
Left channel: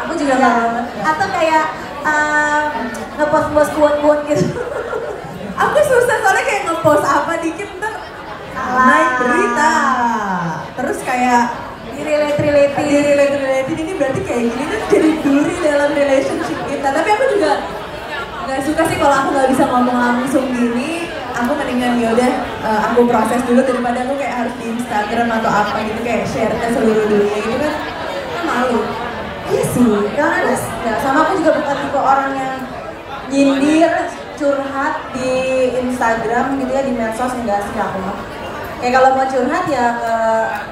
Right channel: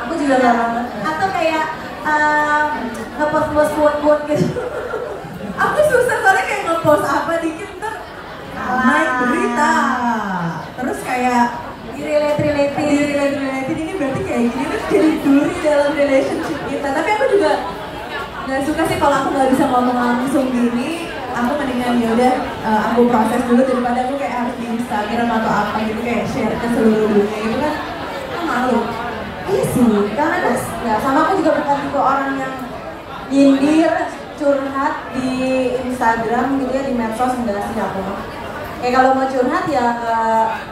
Aku juga enggak banget. Atau kayak ngepost quote gitu. Aku susah soalnya kayak ngepost apa dikit ntar naik berita. Terus kayak relate ini berarti kayak gini kan jadi duri dalam relationship kita. Tapi aku juga nggak suka sih kalau aku nggak bisa ngomong langsung gini. Aku mendingan yaudah aku proses dulu daripada aku kayak harus di Instagram atau apa gitu kayak share ke seluruh dunia gitu kan malu. Iya sih, karena ya sama aku juga bukan tipe orang yang nyindir curhat di Instagram gitu ya, di medsos enggak sih aku. Kayak kalau mau curhat ya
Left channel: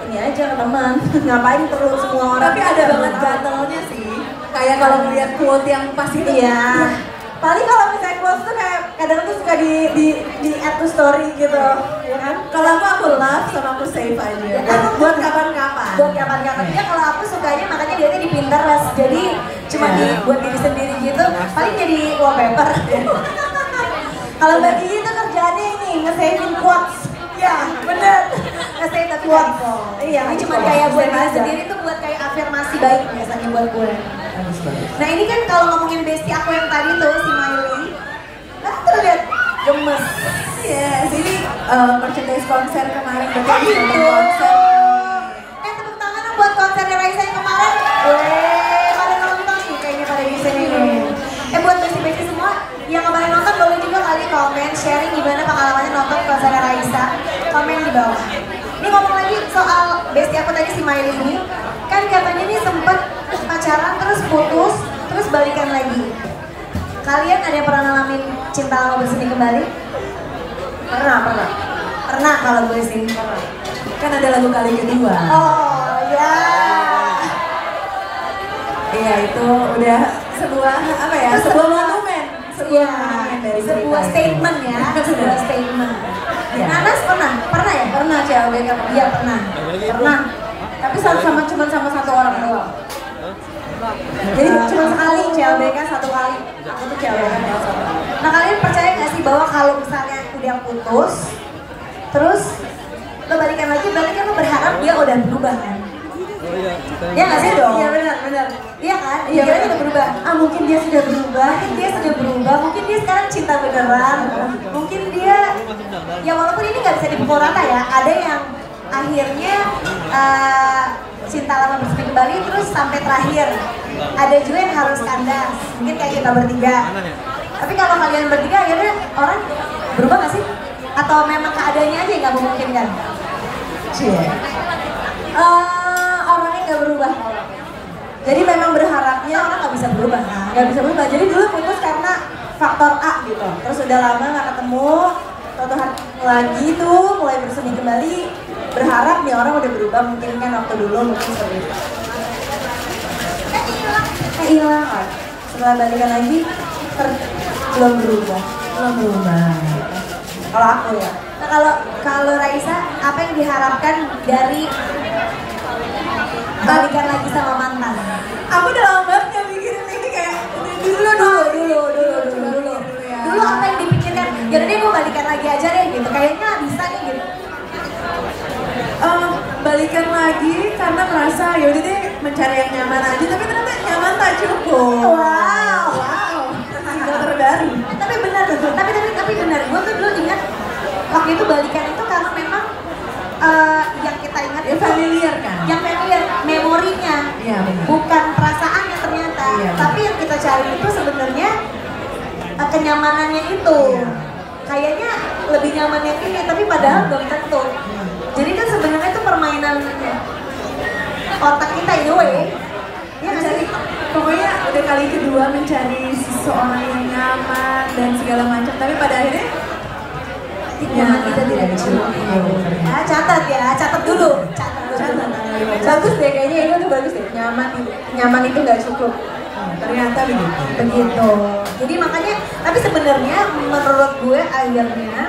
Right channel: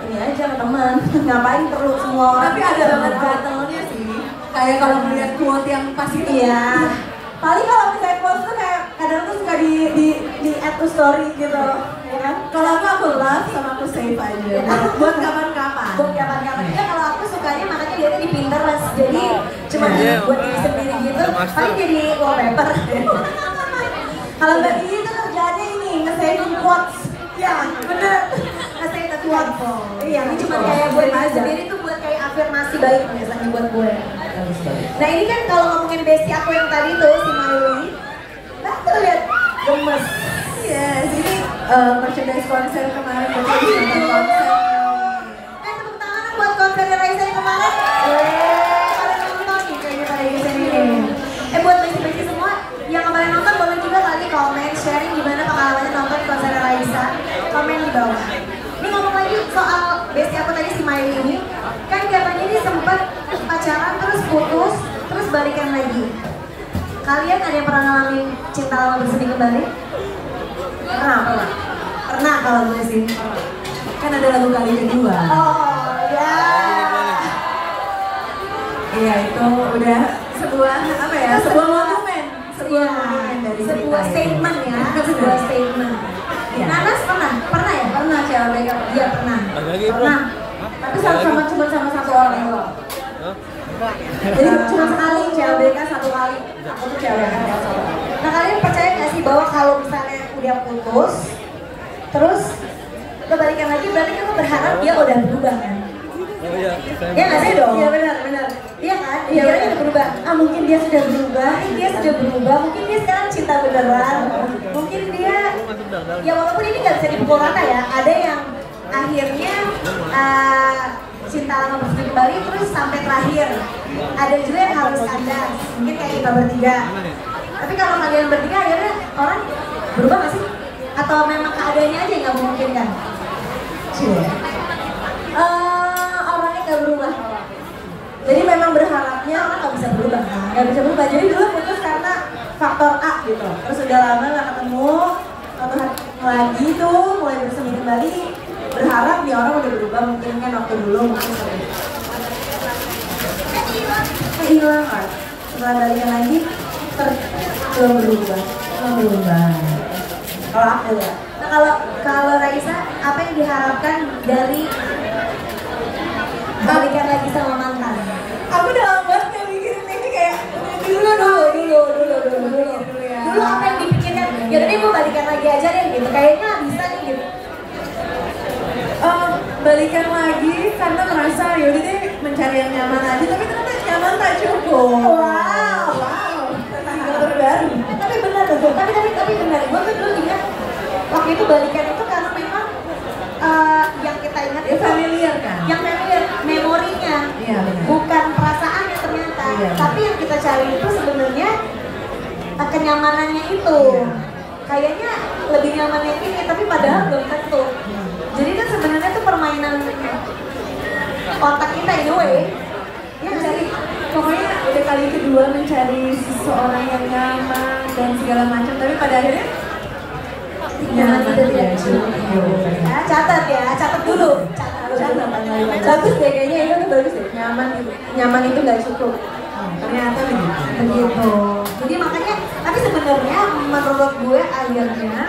ini aja ke teman. Ngapain perlu semua orang. Tapi ada banget battle-nya sih. Kayak kalau ngeliat quote yang pas itu. Iya. Paling kalau misalnya quote tuh kayak kadang tuh suka di add to story gitu, ya kan? Kalau aku love sama aku save aja. Buat kapan-kapan. Ya kalau aku sukanya makanya lihatnya di Pinterest. Jadi cuma buat diri sendiri gitu. Paling jadi wallpaper. Kalau bagi itu kerjaannya ini nge-saving quotes. Ya bener. Nge-save quotes. Iya. Ini cuma kayak buat diri sendiri tuh buat kayak afirmasi baik biasanya buat gue. bagus banget. Nah ini kan kalau ngomongin bestie aku yang tadi tuh si Miley, nah tuh lihat gemes. Yes, ini merchandise konser kemarin berarti konser. Tepuk tangan dong buat konsernya Raisa yang kemarin. Weh, pada nonton nih kayaknya pada di sini. Buat bestie-bestie semua yang kemarin nonton boleh juga kali komen sharing gimana pengalamannya nonton konser Raisa. Komen di bawah. Ini ngomong lagi soal bestie aku tadi si Miley ini, kan katanya ini sempat pacaran terus putus terus balikan lagi. Kalian ada yang pernah ngalamin cinta lama bersemi kembali? Pernah kalau gue sih. Kan ada lagu kali kedua. Oh ya. Iya itu udah sebuah apa ya? Sebuah monumen. Iya. Dari Sebuah statement ya. Sebuah statement. Ya. Nanas pernah? Pernah ya? Pernah CLBK. Iya pernah. Pernah. Tapi cuma satu orang doang. Jadi cuma sekali CLBK satu kali. Aku tuh CLBK. Nah kalian percaya nggak sih bahwa kalau misalnya udah putus, terus lo balikan lagi, berarti kan lo berharap dia udah berubah kan? Ya nggak sih dong? Iya benar. Iya kan? Iya Dia benar. udah berubah. Mungkin dia sudah berubah. Mungkin dia sekarang cinta beneran. Mungkin dia, ya walaupun ini nggak bisa dipukul rata ya. Ada yang akhirnya cinta lama bersemi kembali terus sampai terakhir. Ada juga yang harus kandas. Mungkin kayak kita bertiga. Tapi kalau kalian bertiga akhirnya orang berubah nggak sih? Atau memang keadaannya aja yang nggak memungkinkan? Orangnya nggak berubah. Jadi memang berharapnya orang nggak bisa berubah. Nggak bisa berubah. Jadi dulu putus karena faktor A gitu. Terus udah lama nggak ketemu, lagi tuh mulai bersemi kembali. Berharap nih orang udah berubah, mungkin kan waktu dulu mungkin seperti itu. Hilang kan. Setelah balikan lagi belum berubah. Kalau aku ya. Nah kalau Raisa, apa yang diharapkan dari balikan lagi sama mantan? Aku udah lama banget gak mikirin ini kayak dulu. Dulu apa yang dipikirkan? Yaudah deh gue balikan lagi aja deh gitu. Kayaknya bisa nih gitu. Balikan lagi karena merasa yaudah deh mencari yang nyaman aja, tapi ternyata nyaman tak cukup. Wow. Terbaru. Tapi benar tuh. Tapi benar. Gue tuh dulu ingat waktu itu balikan itu karena memang yang kita ingat Ya familiar kan? yang familiar memorinya, Iya, benar. bukan perasaannya ternyata. Iya. Tapi yang kita cari itu sebenarnya kenyamanannya itu. Iya. Kayaknya lebih nyaman yang ini, tapi padahal belum tentu. Jadi kan sebenarnya itu permainan otak kita in a way. Ya nggak sih? Pokoknya udah kali kedua mencari seseorang yang nyaman dan segala macam, tapi pada akhirnya Nyaman itu tidak cukup. Nah, catat dulu. bagus deh kayaknya itu tuh bagus deh. Nyaman itu nggak cukup. Ternyata begitu. Jadi makanya, tapi sebenarnya menurut gue akhirnya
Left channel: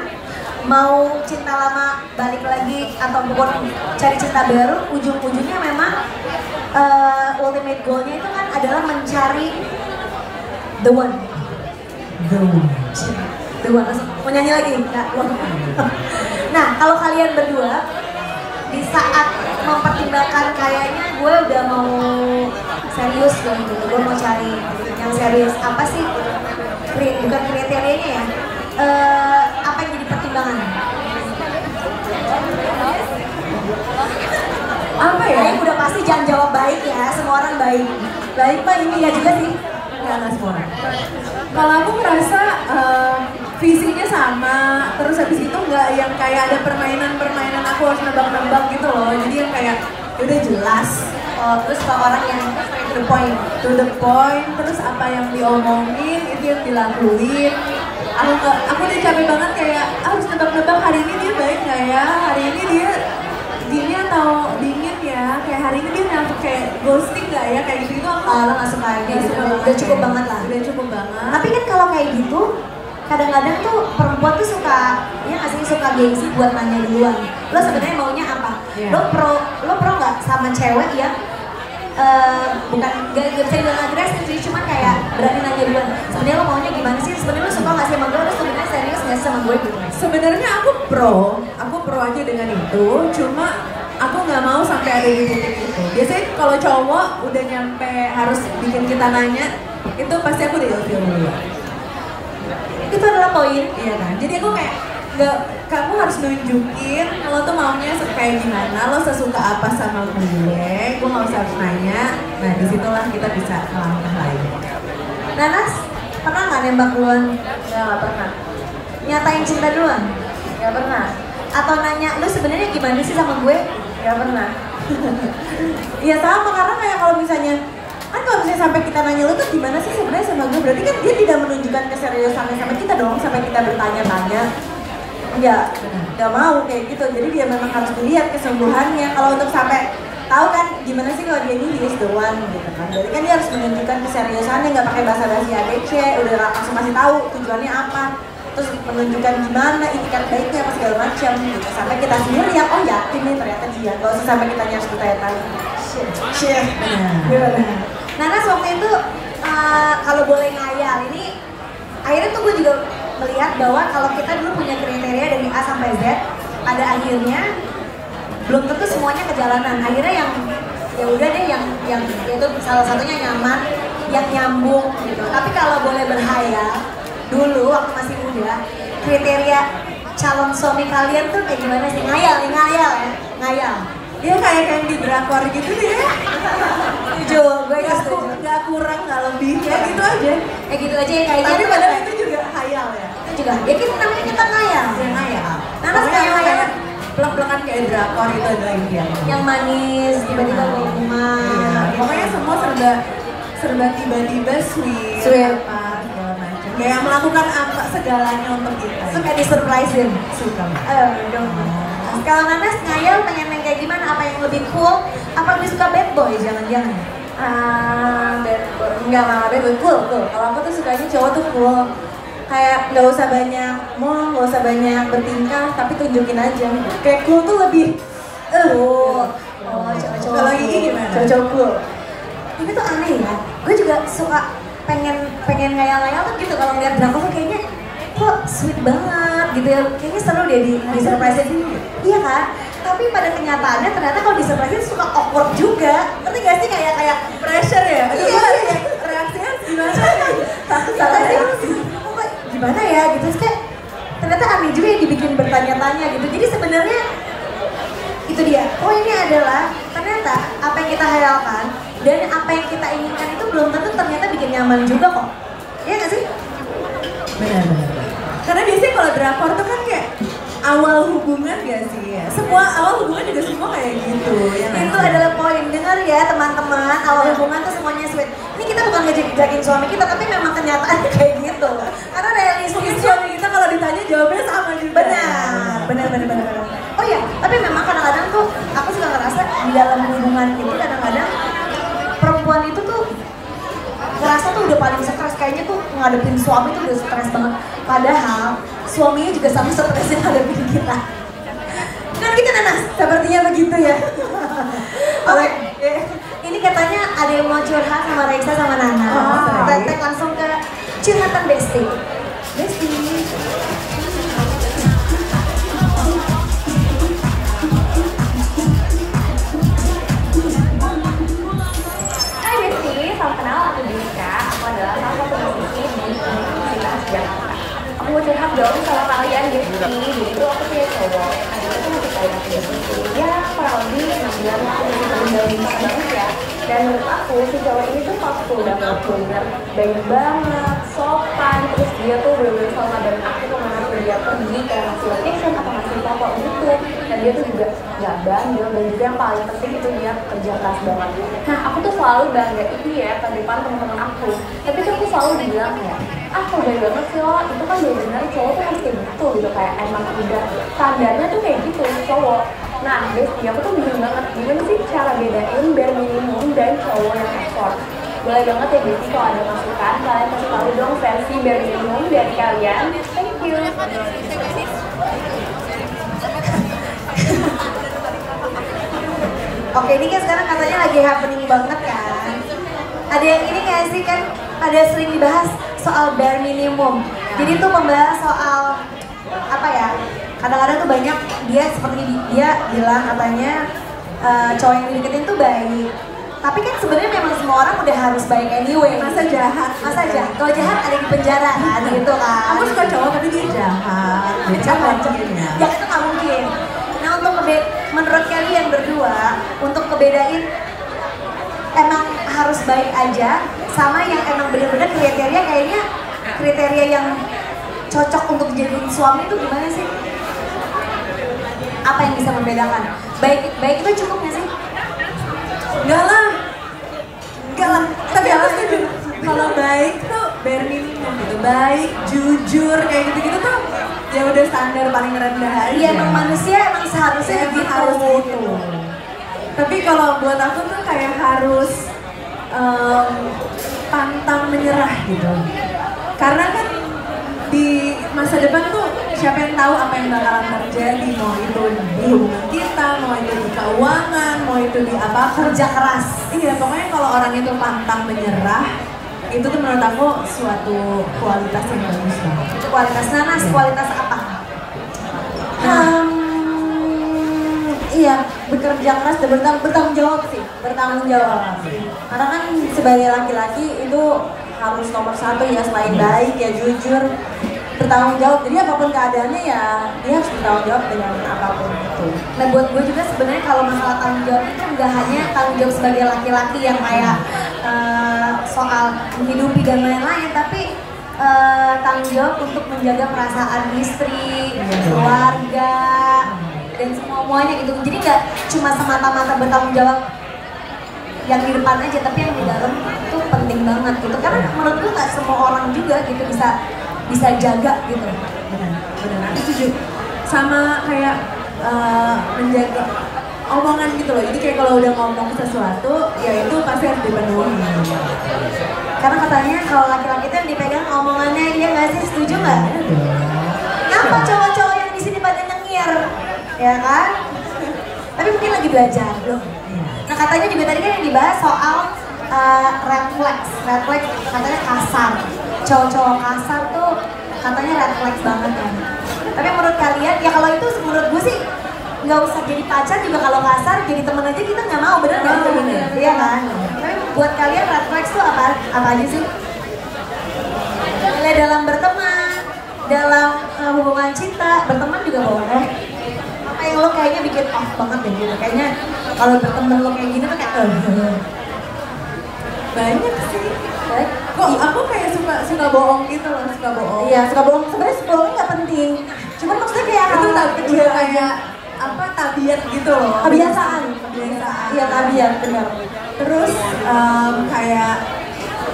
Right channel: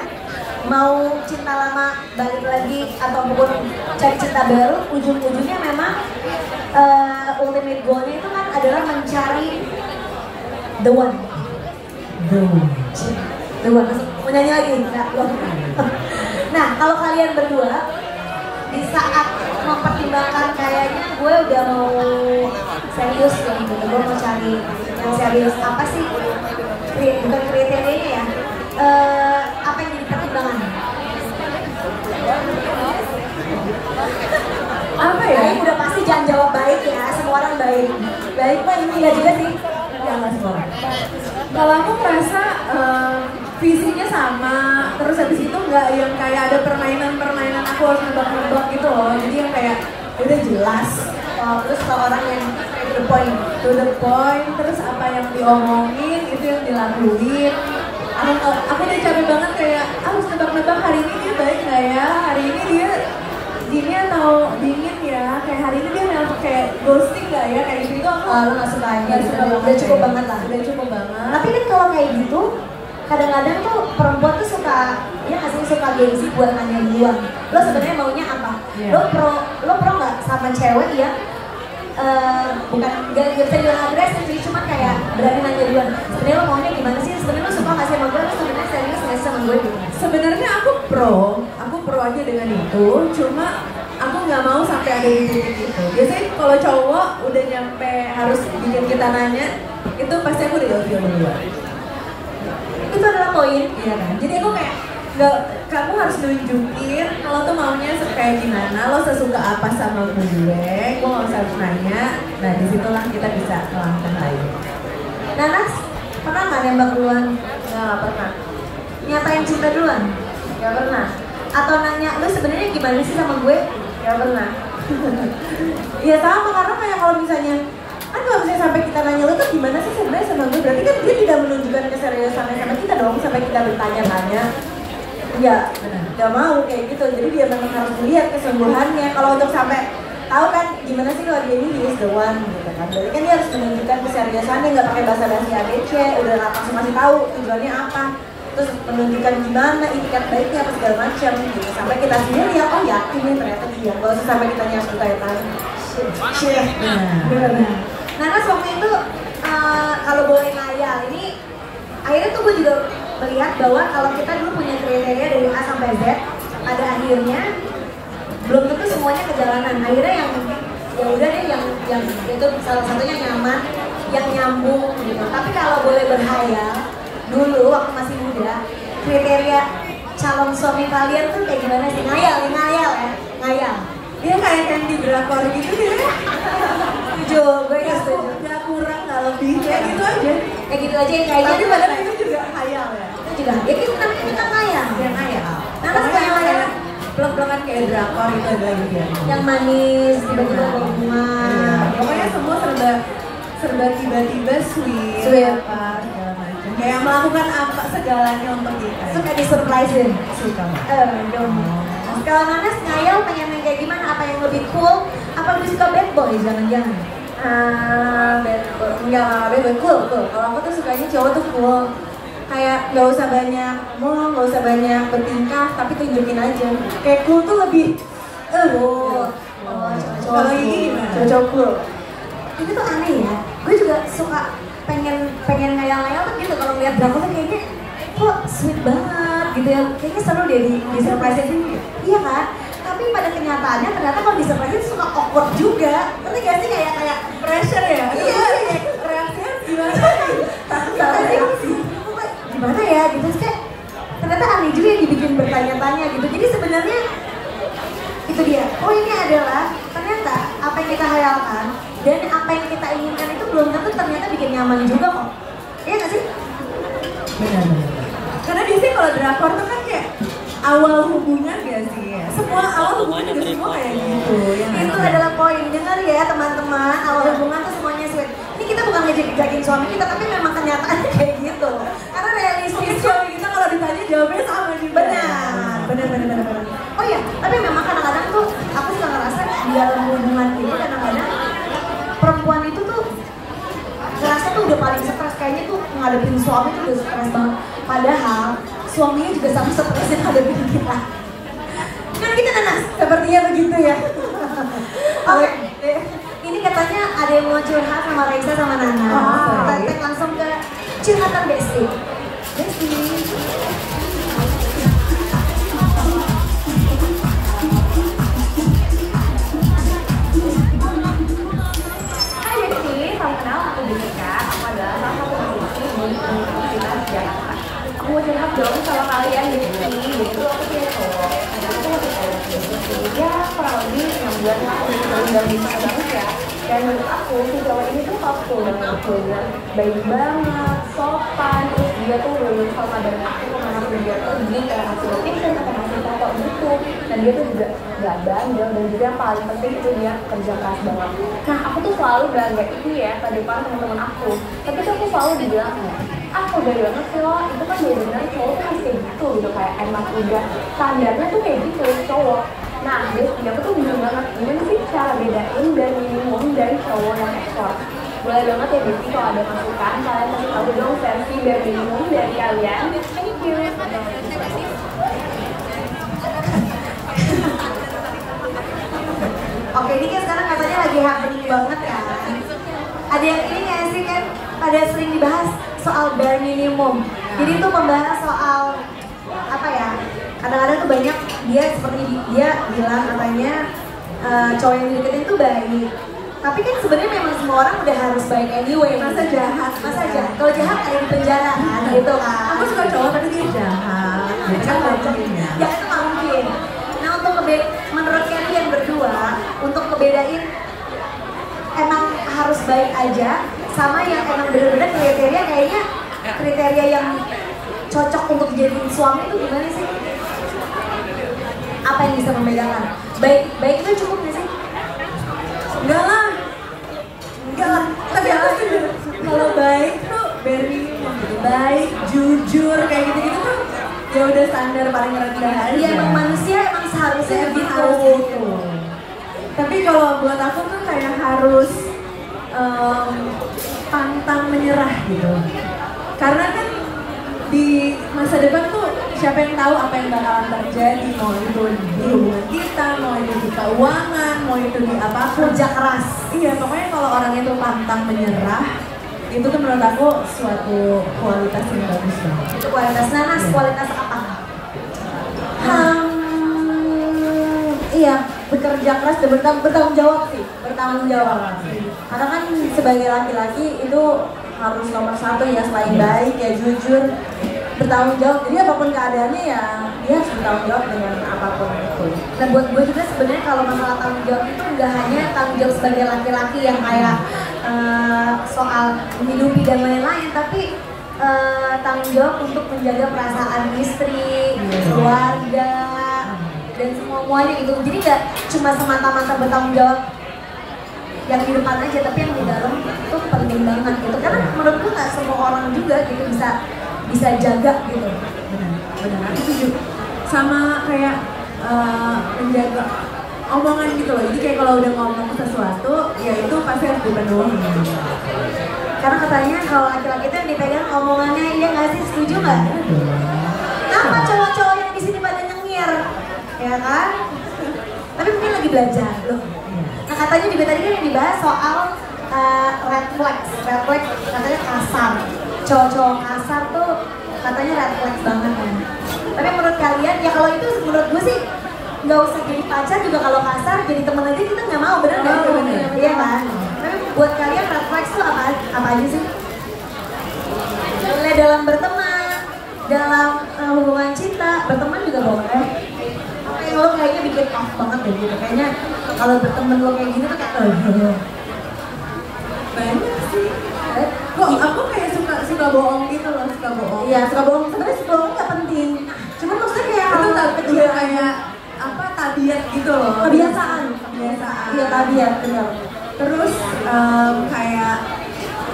mau cinta lama balik lagi ataupun cari cinta baru, ujung-ujungnya memang ultimate goalnya itu kan adalah mencari the one. Mau nyanyi lagi? Nggak? Nah, kalau kalian berdua di saat mempertimbangkan kayaknya gue udah mau serius gitu, gue mau cari yang serius, apa sih? Bukan kriterianya ya? Apa yang jadi pertimbangan? Apa ya? Nah, udah pasti jangan jawab baik ya, semua orang baik. Baik mah ini ya juga sih. Ya nggak semua. Kalau aku merasa visinya sama, terus habis itu nggak yang kayak ada permainan aku harus nebak-nebak gitu loh. Jadi yang kayak udah jelas. Terus kalau orang yang To the point, terus apa yang diomongin itu yang dilakuin. Aku udah capek banget kayak harus nebak-nebak hari ini dia baik nggak ya, hari ini dia gini atau dingin ya, kayak hari ini dia nelfon kayak ghosting nggak ya, kayak gitu itu aku lo nggak suka nggak suka banget. udah cukup banget lah. Udah cukup banget. Tapi kan kalau kayak gitu, kadang-kadang tuh perempuan tuh suka, ya nggak sih, suka gengsi buat nanya duluan. Lo sebenarnya maunya apa? Iya. Lo pro nggak sama cewek yang bukan gak bisa bilang agresif sih, cuma kayak berani nanya duluan. Sebenarnya lo maunya gimana sih? Sebenarnya lo suka nggak sih sama gue? Lo sebenarnya serius nggak sih sama gue gitu? Sebenarnya aku pro aja dengan itu, cuma aku nggak mau sampai ada di titik itu. Biasanya kalau cowok udah nyampe harus bikin kita nanya, itu pasti aku udah ilfil dulu. Itu adalah poin. Iya kan? Jadi aku kayak nggak, kamu harus nunjukin lo tuh maunya kayak gimana, lo sesuka apa sama gue nggak usah harus nanya. Nah disitulah kita bisa melangkah lagi. Nanas, pernah nggak nembak duluan? Nggak pernah. Nyatain cinta duluan? Nggak pernah. Atau nanya, lu sebenarnya gimana sih sama gue? Nggak pernah. Iya sama, karena kayak kalau misalnya kan kalau misalnya sampai kita nanya lu tuh gimana sih sebenarnya sama gue, berarti kan dia tidak menunjukkan keseriusannya sama kita dong, sampai kita bertanya-tanya. Ya, nggak mau kayak gitu. Jadi dia memang harus dilihat kesungguhannya. Kalau untuk sampai tahu kan gimana sih kalau dia ini he is the one gitu kan. Berarti kan dia harus menunjukkan keseriusannya, nggak pakai basa-basi ADC, udah langsung masih tahu tujuannya apa. Terus menunjukkan gimana itikat baiknya apa segala macam gitu. Sampai kita sendiri lihat, oh ya ini ternyata dia. Gak usah sampai kita harus bertanya-tanya. Shit. Nanas waktu itu kalau boleh ngayal, ini akhirnya tuh gue juga melihat bahwa kalau kita dulu punya kriteria dari A sampai Z, ada akhirnya belum tentu semuanya kejalanan. Akhirnya yang ya udah deh yang itu salah satunya nyaman, yang nyambung gitu. Tapi kalau boleh berhayal, dulu waktu masih muda, kriteria calon suami kalian tuh kayak gimana sih? Ngayal ya, ngayal. Dia kayak di drakor gitu deh. Setuju, gue gak setuju. Gak kurang, gak lebih, kayak gitu aja. Kayak gitu aja ya kayaknya. Tapi padahal itu juga hayal ya. Itu juga. Ya kita namanya kita ngayal. Yang hayal. Nanas kayak pelak-pelakan kayak drakor itu adalah ideal. yang manis, tiba-tiba Iya. rumah. Pokoknya semua serba tiba-tiba sweet. Apa segala macam. Ya yang melakukan apa segalanya untuk kita. Suka di-surprisein. Suka. Dong. Kalau Nanas ngayal pengen yang kayak gimana? Apa yang lebih cool? Apa lebih suka bad boy? Jangan-jangan. Enggak lah, bad boy cool. Kalau aku tuh sukanya cowok tuh cool. Kayak nggak usah banyak nggak usah banyak bertingkah, tapi tunjukin aja. Kayak cool tuh lebih. Cowok-cowok. Kalau ini gimana? Cowok cool. Ini tuh aneh ya. Gue juga suka pengen ngayal-ngayal tuh gitu kalau ngeliat drakor tuh kayaknya kok sweet banget gitu ya. Kayaknya seru deh di surprise ini. Iya kan? Tapi pada kenyataannya ternyata kalau di surprise suka awkward juga. Ngerti gak sih kayak Pressure ya? iya. Reaksinya gimana? Gimana ya gitu terus kayak ternyata aneh juga yang dibikin bertanya-tanya gitu. Jadi sebenarnya itu dia. Oh ini adalah ternyata apa yang kita hayalkan dan apa yang kita inginkan itu belum tentu ternyata bikin nyaman juga kok. Iya nggak sih? Benar. Karena biasanya kalau drakor tuh kan kayak awal hubungan ya sih ya. Semua awal hubungan juga semua kayak gitu ya. Itu adalah poin. Dengar ya teman-teman, awal hubungan tuh semuanya sweet. Ini kita bukan ngejek-jekin suami kita, tapi memang kenyataannya kayak gitu. Karena realistis Suami kita kalau ditanya jawabnya sama juga. benar. Oh iya, tapi memang kadang-kadang tuh aku suka ngerasa di dalam hubungan itu kadang-kadang perempuan itu tuh ngerasa tuh udah paling stres, kayaknya tuh ngadepin suami tuh udah stres banget. Padahal suaminya juga sama stresnya ngadepin kita. Kan kita Nanas, sepertinya begitu ya. Oke, ini katanya ada yang mau curhat sama Raisa sama Nana. Tetek langsung ke curhatan Besti. Besti. Hai Besti, salam kenal, aku Dika. Aku adalah salah satu mahasiswa di Universitas Jakarta. Aku mau curhat dong sama kalian Besti. Gitu, aku punya cowok. Adalah aku mau cerita ya kurang lebih 6 bulan lalu dari bagus ya. Dan menurut aku si cowok ini tuh thoughtful banget, bener baik banget, sopan. Terus dia tuh bener-bener selalu kabarin aku kemana dia pergi ke hasil vacation atau hasil foto gitu. Dan dia tuh juga gak bandel, dan juga yang paling penting itu dia kerja keras banget. Nah aku tuh selalu banggain dia ke depan teman-teman aku. Tapi tuh aku selalu dibilang aku beda banget sih lo, itu kan bener-bener cowok tuh harus kayak gitu gitu, kayak emang udah standarnya tuh kayak gitu cowok. Nah, Besti, aku tuh bingung banget gimana sih cara bedain bare minimum dan cowok yang ekspor. Boleh banget ya Besti kalau ada masukan, kalian kasih tahu dong versi bare minimum dari kalian. Thank you. Oke, ini kan sekarang katanya lagi happening banget kan. Ada yang ini nggak sih kan? Ada sering dibahas soal bare minimum. Jadi itu membahas soal apa ya? Kadang-kadang tuh banyak dia seperti dia bilang katanya cowok yang dideketin tuh baik. Tapi kan sebenarnya memang semua orang udah harus baik anyway. Masa jahat? Kalau jahat ada di penjara kan, gitu kan. Aku suka cowok tapi dia jahat. Ya itu nggak mungkin. Nah untuk menurut kalian berdua, untuk ngebedain emang harus baik aja sama yang emang bener-bener kriteria kayaknya kriteria yang cocok untuk jadi suami itu gimana sih? Apa yang bisa membedakan? Baik itu cukup nggak sih? Enggak lah. Tapi aku setuju. Kalau baik tuh bare minimum gitu. Baik, jujur kayak gitu-gitu tuh ya udah standar paling rendah aja. Iya emang manusia emang seharusnya Emang gitu. harus gitu. Tapi kalau buat aku tuh kayak harus pantang menyerah gitu. Karena kan di masa depan tuh siapa yang tahu apa yang bakalan terjadi, mau itu di hubungan kita, mau itu di keuangan, mau itu di apa, Kerja keras. iya pokoknya kalau orang itu pantang menyerah itu tuh menurut aku suatu kualitas yang bagus banget. Itu kualitas nanas, kualitas apa? Iya, bekerja keras dan bertanggung jawab sih, bertanggung jawab. Karena kan sebagai laki-laki itu harus nomor satu ya, selain baik ya jujur, bertanggung jawab. Jadi apapun keadaannya ya dia harus bertanggung jawab dengan apapun itu. Nah buat gue juga sebenarnya kalau masalah tanggung jawab itu nggak hanya tanggung jawab sebagai laki-laki yang kayak soal menghidupi dan lain-lain, tapi tanggung jawab untuk menjaga perasaan istri, keluarga, dan semuanya gitu. Jadi nggak cuma semata-mata bertanggung jawab yang di depan aja, tapi yang di dalam itu penting banget gitu. Karena menurutku nggak semua orang juga gitu bisa jaga gitu. Benar, aku setuju. Sama kayak menjaga omongan gitu loh. Jadi kayak kalau udah ngomong sesuatu, ya itu pasti harus dipenuhi. Karena katanya kalau laki-laki itu yang dipegang omongannya, iya nggak sih? Setuju nggak? Kenapa cowok-cowok yang di sini pada nyengir, ya kan? Tapi mungkin lagi belajar loh. Nah katanya juga tadi kan yang dibahas soal red flags katanya kasar. Cowok-cowok kasar tuh katanya red flags banget kan. Tapi menurut kalian ya kalau itu menurut gue sih nggak usah jadi pacar juga kalau kasar, jadi temen aja kita nggak mau, bener nggak? Iya kan? Tapi buat kalian red flags tuh apa aja sih? Mulai dalam berteman, dalam hubungan cinta, berteman juga boleh. Apa yang lo kayaknya bikin off banget deh gitu? Kayaknya kalau berteman lo kayak gini tuh kayak banyak sih. Kok aku kayak suka bohong gitu loh, suka bohong. Iya, suka bohong. Sebenarnya bohong nggak penting. Cuma maksudnya kayak itu kecil kayak apa tabiat gitu loh. Kebiasaan. Iya tabiat benar. Terus kayak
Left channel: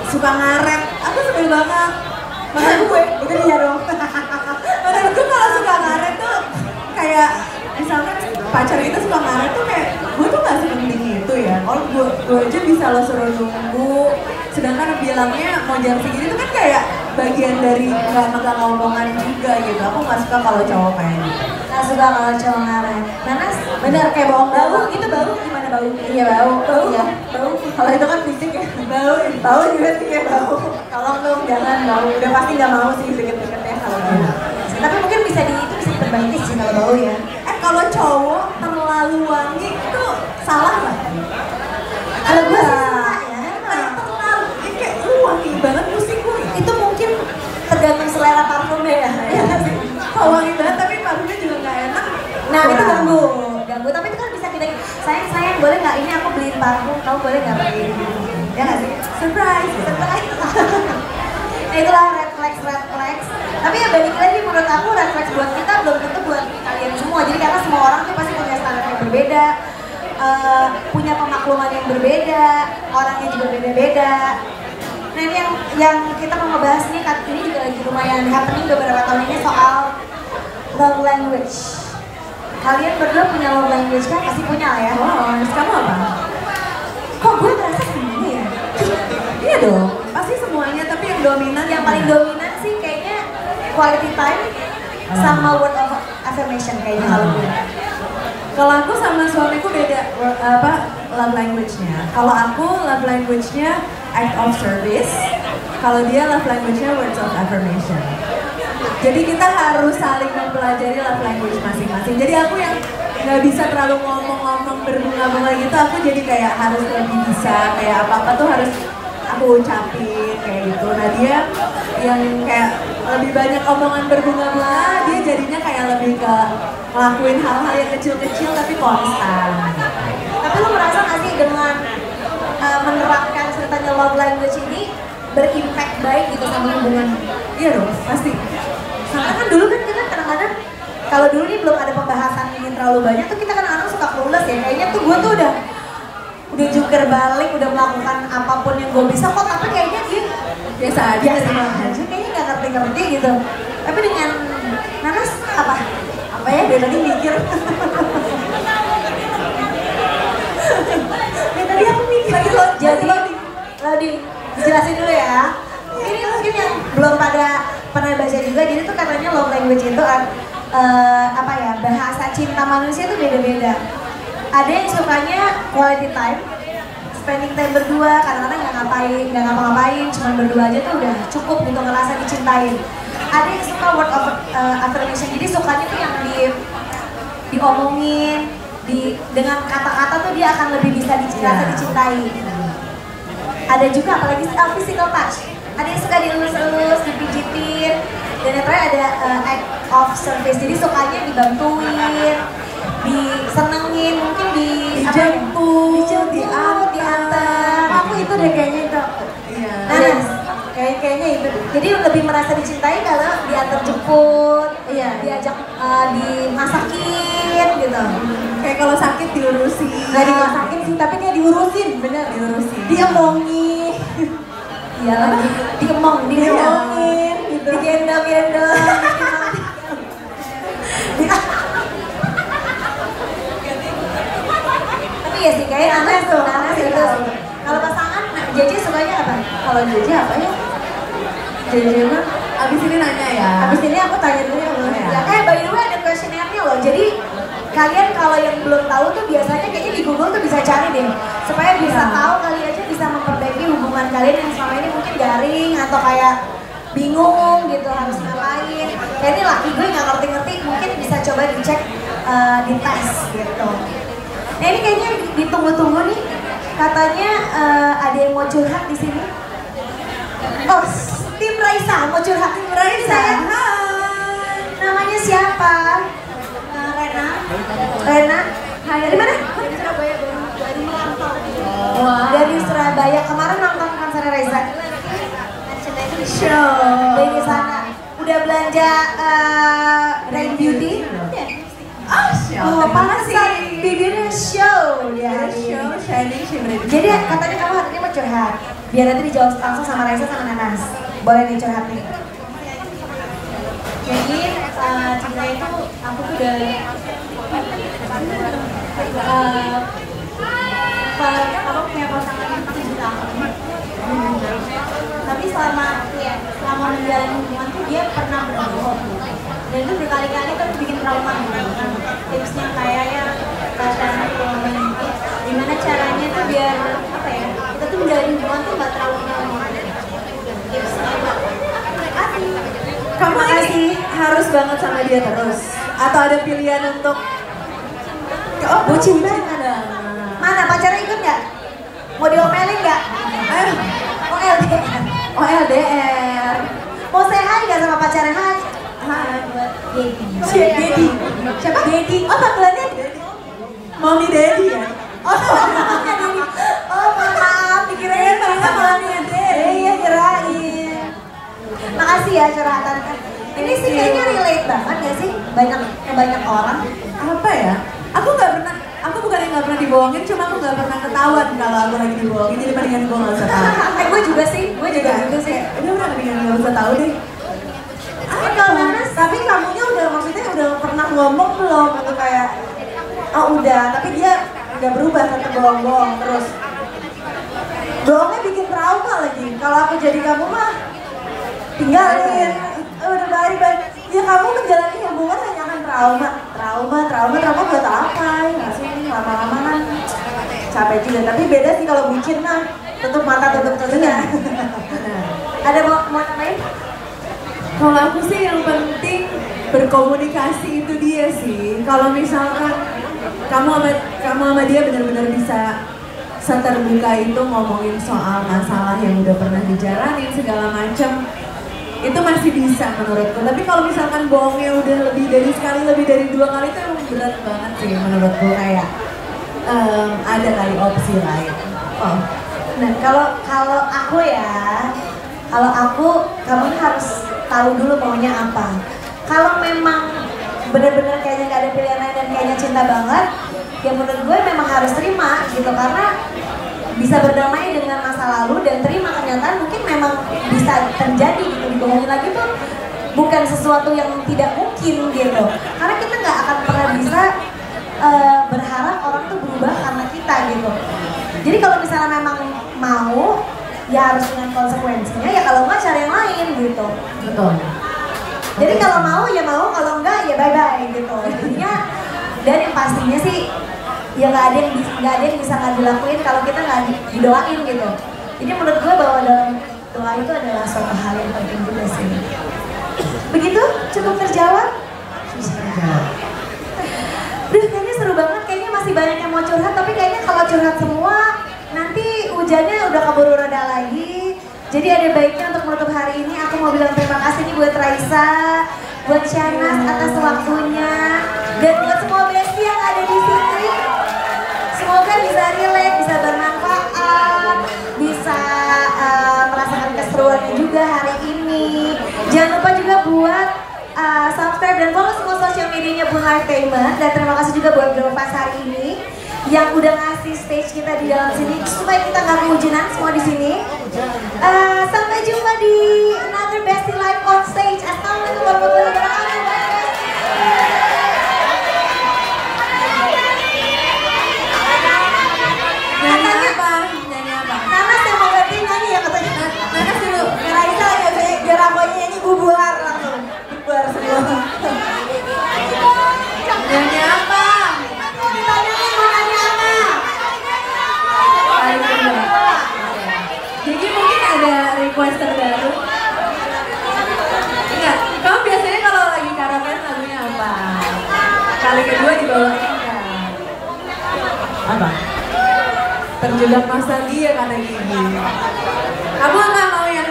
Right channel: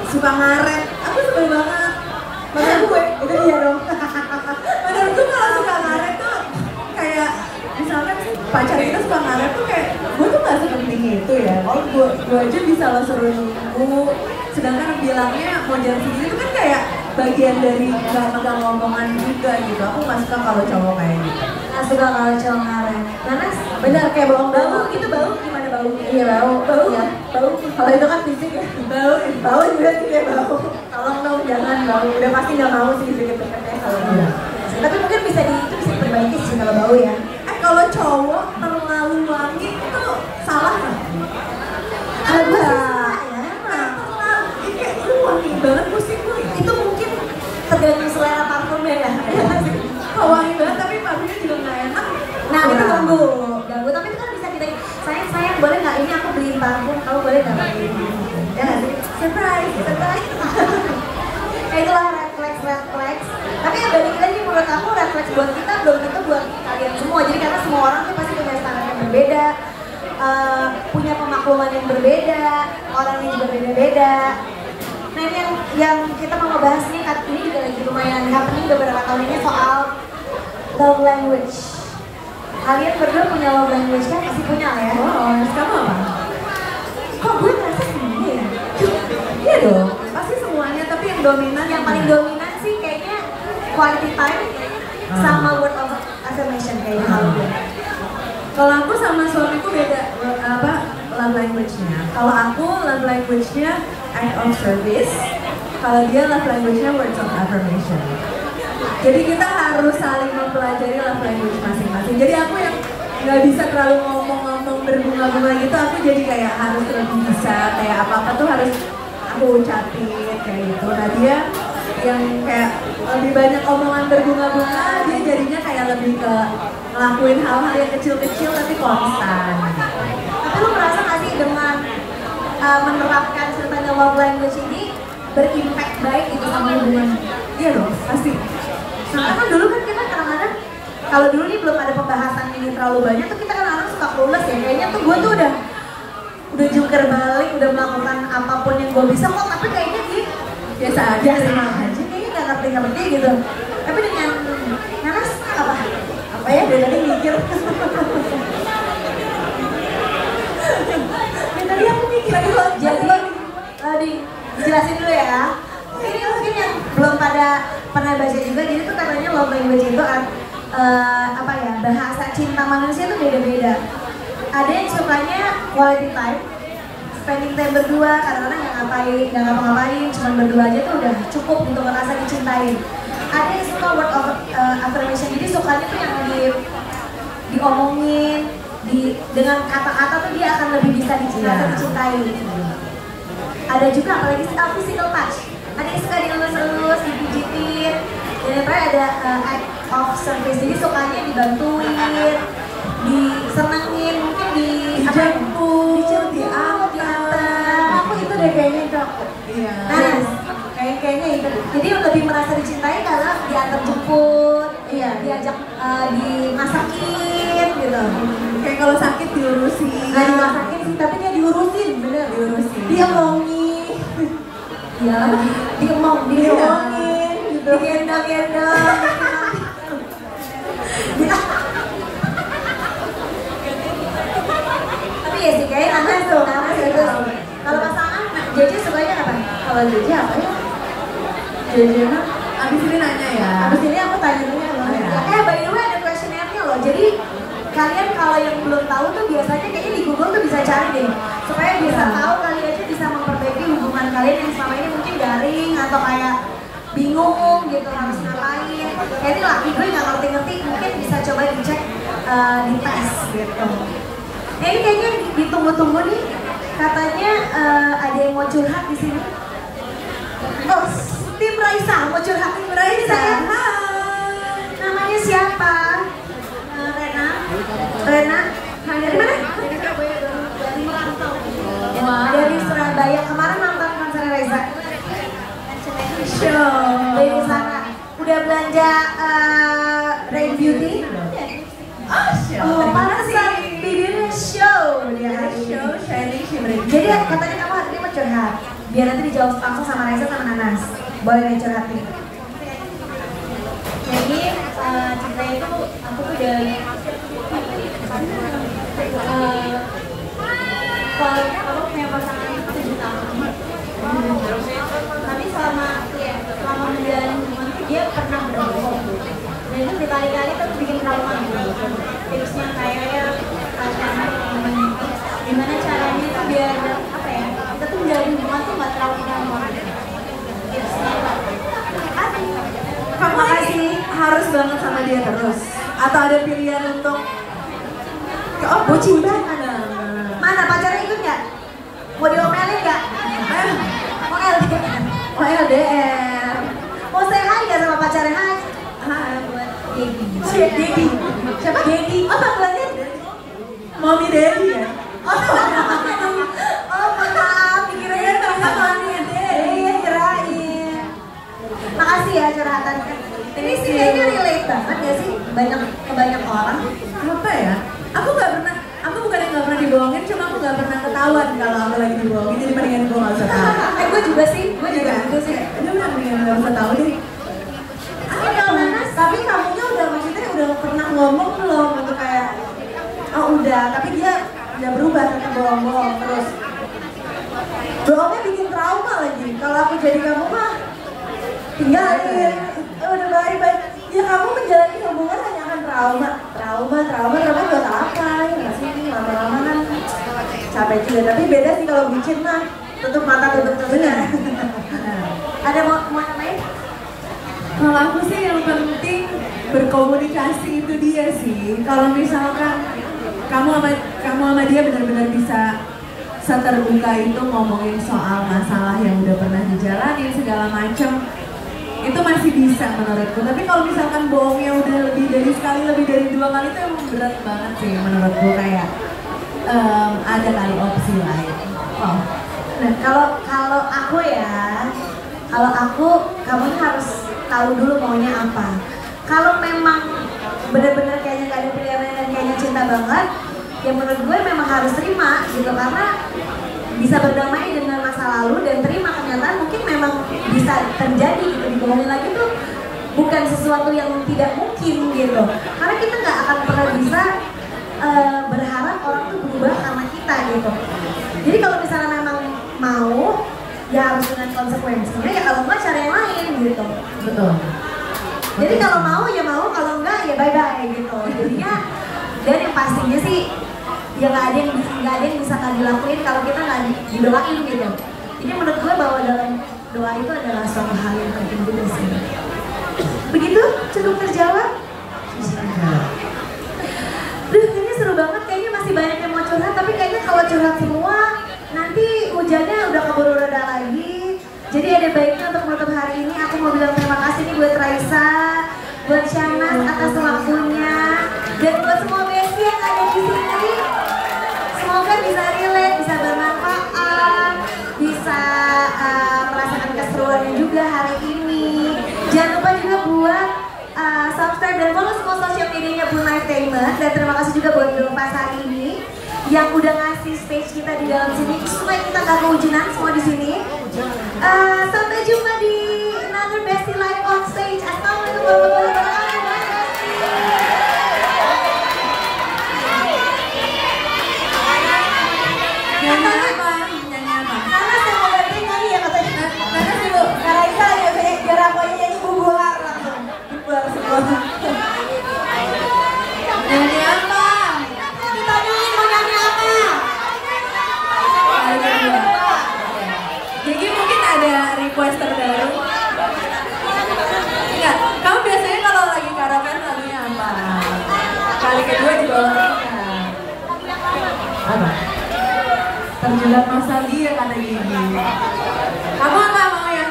suka ngaret. Aku sebel banget. Menurut gue itu dia dong. Menurut gue kalau suka ngaret tuh kayak misalkan pacar itu suka ngaret tuh kayak gue tuh nggak sepenting itu ya. Kalau gue aja bisa lo suruh nunggu. Sedangkan bilangnya mau jam segini tuh kan kayak bagian dari nggak megang omongan juga gitu. Aku nggak suka kalau cowok kayak gitu. Nggak suka kalau cowok ngaret. Nanas Bener kayak bau itu bau gimana bau? Iya bau ya bau. Kalau itu kan fisik ya bau juga sih kayak bau. Tolong dong jangan bau. Udah pasti nggak mau sih deket-deketnya kalau gitu. Tapi mungkin bisa diperbaiki sih kalau bau ya. Kalau cowok terlalu wangi itu salah nggak? Kalau gue sih salah ya. Terlalu ini kayak wangi banget pusing gue. Itu mungkin tergantung selera parfumnya ya. Kalau wangi banget tapi parfumnya juga nggak enak. Nah itu ganggu, tapi itu kan bisa kita sayang boleh nggak ini aku beliin parfum, kamu boleh nggak beliin? Ya nggak sih? Surprise. Nah itulah red flags. Tapi ya balik lagi menurut aku red flags buat kita belum tentu buat kalian semua. Jadi karena semua orang tuh pasti punya standar yang berbeda, punya pemakluman yang berbeda, orangnya juga beda-beda. Nah ini yang kita mau ngebahas nih, ini juga lagi lumayan happening beberapa tahun ini soal love language. Kalian berdua punya love language kan? Pasti punya lah ya? Oh, kamu apa? Kok gue merasa sendiri ya? Iya dong, pasti semuanya tapi yang dominan Yang paling dominan sih kayaknya quality time sama word of affirmation kayaknya kalau gue. Kalau aku sama suamiku beda love language-nya. Kalau aku love language-nya act of service. Kalau dia love language-nya words of affirmation. Jadi kita harus saling mempelajari love language masing-masing. Jadi aku yang nggak bisa terlalu ngomong-ngomong berbunga-bunga gitu aku jadi kayak harus lebih bisa kayak apa-apa tuh harus aku ucapin kayak gitu. Nah dia yang kayak lebih banyak omongan berbunga-bunga, dia jadinya kayak lebih ke ngelakuin hal-hal yang kecil-kecil tapi konstan. Tapi lu merasa nggak sih dengan menerapkan ceritanya love language ini berimpact baik gitu sama hubungan? Iya dong, pasti. Karena kan dulu kan kita kadang-kadang kalau dulu nih belum ada pembahasan ini terlalu banyak tuh kita kadang-kadang suka clueless ya. Kayaknya tuh gue tuh udah jungkir balik, udah melakukan apapun yang gue bisa kok, tapi kayaknya dia Biasa aja, kayaknya nggak ngerti-ngerti gitu. Tapi dengan Nanas apa ya dari tadi mikir. Tadi aku mikir lagi loh. Jadi dijelasin dulu ya. Ini mungkin yang belum pernah baca juga. Jadi tuh katanya love language itu apa ya, bahasa cinta manusia itu beda-beda. Ada yang sukanya quality time, spending time berdua, kadang-kadang nggak ngapa-ngapain, cuma berdua aja tuh udah cukup gitu ngerasa dicintain. Ada yang suka word of affirmation, jadi sukanya tuh yang diomongin, dengan kata-kata tuh dia akan lebih bisa dicintai. Ada juga apalagi physical touch, ada yang suka dielus-elus, dipijitin, dan yang terakhir ada act of service, jadi sukanya dibantuin, disenengin, mungkin dijemput, diantar. Aku itu deh kayaknya itu. Iya. Nah, kayaknya itu. Jadi lebih merasa dicintai kalau diantar jemput, diajak dimasakin gitu. Kayak kalau sakit diurusin. Nggak dimasakin sih, tapi dia diurusin, bener. Diurusin. Diomongin. Iya lagi. Diomongin, gitu. Digendong-gendong. Tapi ya sih kayak Nanas itu. Kalau pasangan, Jeje sukanya apa? Kalau Jeje apa ya? Jeje mah abis ini nanya ya. Abis ini aku tanya dulu ya. By the way ada questionnaire-nya loh. Jadi kalian kalau yang belum tahu tuh biasanya kayaknya di Google tuh bisa cari deh, supaya bisa tahu kalian aja bisa memperbaiki hubungan kalian yang selama ini mungkin garing atau kayak bingung gitu harus ngapain. Kayak ini laki gue nggak ngerti-ngerti, mungkin bisa coba dicek di tes gitu. Nah ini kayaknya ditunggu-tunggu nih, katanya ada yang mau curhat di sini. Oh, tim Raisa mau curhat. Tim Raisa. Namanya siapa? Rena. Dari mana? Dari Surabaya, baru merantau. Dari Surabaya. Kemarin nonton konser Reza. Show. Dari sana. Udah belanja Rain Beauty? Oh, pantesan bibirnya show dia. Show shining shimmering. Jadi katanya kamu hari ini mau curhat. Biar nanti dijawab langsung sama Reza sama Nanas. Boleh nih curhat nih. Jadi cinta itu aku tuh udah kalau aku punya pasangan itu 7 tahun, tapi selama menjalani hubungan tuh dia pernah berbohong, dan itu berkali-kali kan bikin trauma. Tipsnya kayak ya gimana caranya tuh biar apa ya, kita tuh menjalani hubungan tuh nggak terlalu trauma. Tipsnya Kamu ini harus banget sama dia terus? Atau ada pilihan untuk bucin banget? Mana pacarnya ikut nggak? Mau diomelin nggak? Mau LDR? Oh LDR. Mau say hi nggak sama pacarnya? Hai. Hai. Dedi. Siapa? Dedi. Oh panggilannya? Mommy Daddy ya? Oh maaf, dikirain ternyata Mommy Daddy. Iya kirain. Makasih ya curhatan. Ini sih kayaknya relate banget ya sih, banyak orang. Apa ya? Aku bukan yang nggak pernah dibohongin, cuma aku nggak pernah ketahuan kalau aku lagi dibohongin, jadi mendingan gue nggak usah tahu. Gue juga sih. Udah mendingan nggak usah tahu deh. Tapi kamunya udah maksudnya udah pernah ngomong belum untuk kayak oh udah, tapi dia udah berubah tetap bohong terus. Bohongnya bikin trauma lagi. Kalau aku jadi kamu mah tinggalin. Udah baik-baik. Ya kamu menjalani hubungan hanya akan trauma buat apa? Nggak sih ini lama-lama kan capek juga. Tapi beda sih kalau bucin nah tutup mata tutup telinga. Ada mau nambahin? Kalau aku sih yang penting berkomunikasi itu dia sih. Kalau misalkan kamu sama dia benar-benar bisa seterbuka itu ngomongin soal masalah yang udah pernah dijalanin segala macam. Itu masih bisa menurutku. Tapi kalau misalkan bohongnya udah lebih dari sekali, lebih dari 2 kali itu emang berat banget sih menurutku. Kayak ada kali opsi lain. Oh. Nah kalau aku ya, kamu harus tahu dulu maunya apa. Kalau memang benar-benar kayaknya gak ada pilihan lain dan kayaknya cinta banget, ya menurut gue memang harus terima gitu, karena bisa berdamai dengan masa lalu dan terima kenyataan mungkin memang bisa terjadi gitu. Dibohongin lagi tuh bukan sesuatu yang tidak mungkin gitu, karena kita nggak akan pernah bisa berharap orang tuh berubah karena kita gitu. Jadi kalau misalnya memang mau, ya harus dengan konsekuensinya, ya kalau nggak cari yang lain gitu. Betul. Jadi kalau mau ya mau, kalau enggak ya bye-bye gitu. Jadinya, dan yang pastinya sih ya nggak ada yang bisa nggak dilakuin kalau kita nggak didoain gitu. Jadi menurut gue bahwa dalam doa itu adalah suatu hal yang penting juga sih. Begitu? Cukup terjawab? Duh, kayaknya seru banget, kayaknya masih banyak yang mau curhat, tapi kayaknya kalau curhat semua nanti hujannya udah keburu reda lagi. Jadi ada baiknya untuk menutup hari ini aku mau bilang terima kasih nih buat Raisa, buat Syahnas atas waktunya, dan buat semua bestie yang ada di sini. Semoga bisa relate, bisa bermanfaat, bisa merasakan keseruannya juga hari ini. Jangan lupa juga buat subscribe dan follow semua sosial medianya Bun Lifetainment. Dan terima kasih juga buat Girlfast hari ini yang udah ngasih stage kita di dalam sini supaya kita nggak kehujanan semua di sini. Sampai jumpa di another Bestie Live on stage. Assalamualaikum warahmatullahi wabarakatuh. Nyanyi apa? Nyanyi apa? Nanas yang mau ganti nyanyi ya katanya. Nanas dulu. Kak Raisa aja biar aku aja nyanyi bubar langsung. Bubar semua. Nyanyi apa? Ditanyain mau nyanyi apa? Kali kedua. Jadi mungkin ada request terbaru. Enggak, kamu biasanya kalau lagi karaoke lagunya apa? Kali kedua dibawain kan? Apa? Terjebak nostalgia kata Gigi. Kamu apa mau ya?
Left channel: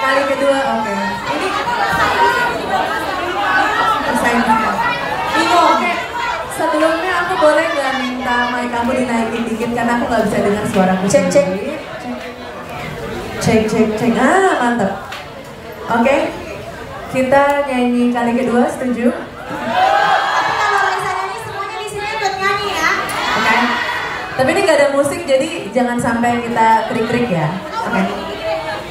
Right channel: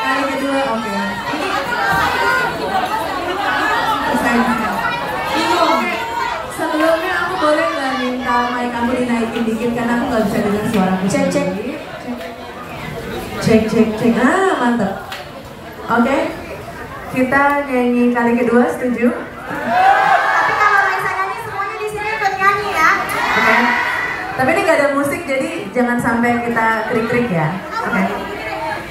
Kali kedua, oke. Ini persaingan. Ini oke. Sebelumnya aku boleh nggak minta mic kamu dinaikin dikit karena aku nggak bisa dengar suaraku. Cek. Cek. Ah, mantap. Oke. Kita nyanyi kali kedua, setuju? Tapi kalau Raisa nyanyi semuanya di sini ikut nyanyi ya. Oke. Tapi ini nggak ada musik jadi jangan sampai kita krik-krik ya. Oke.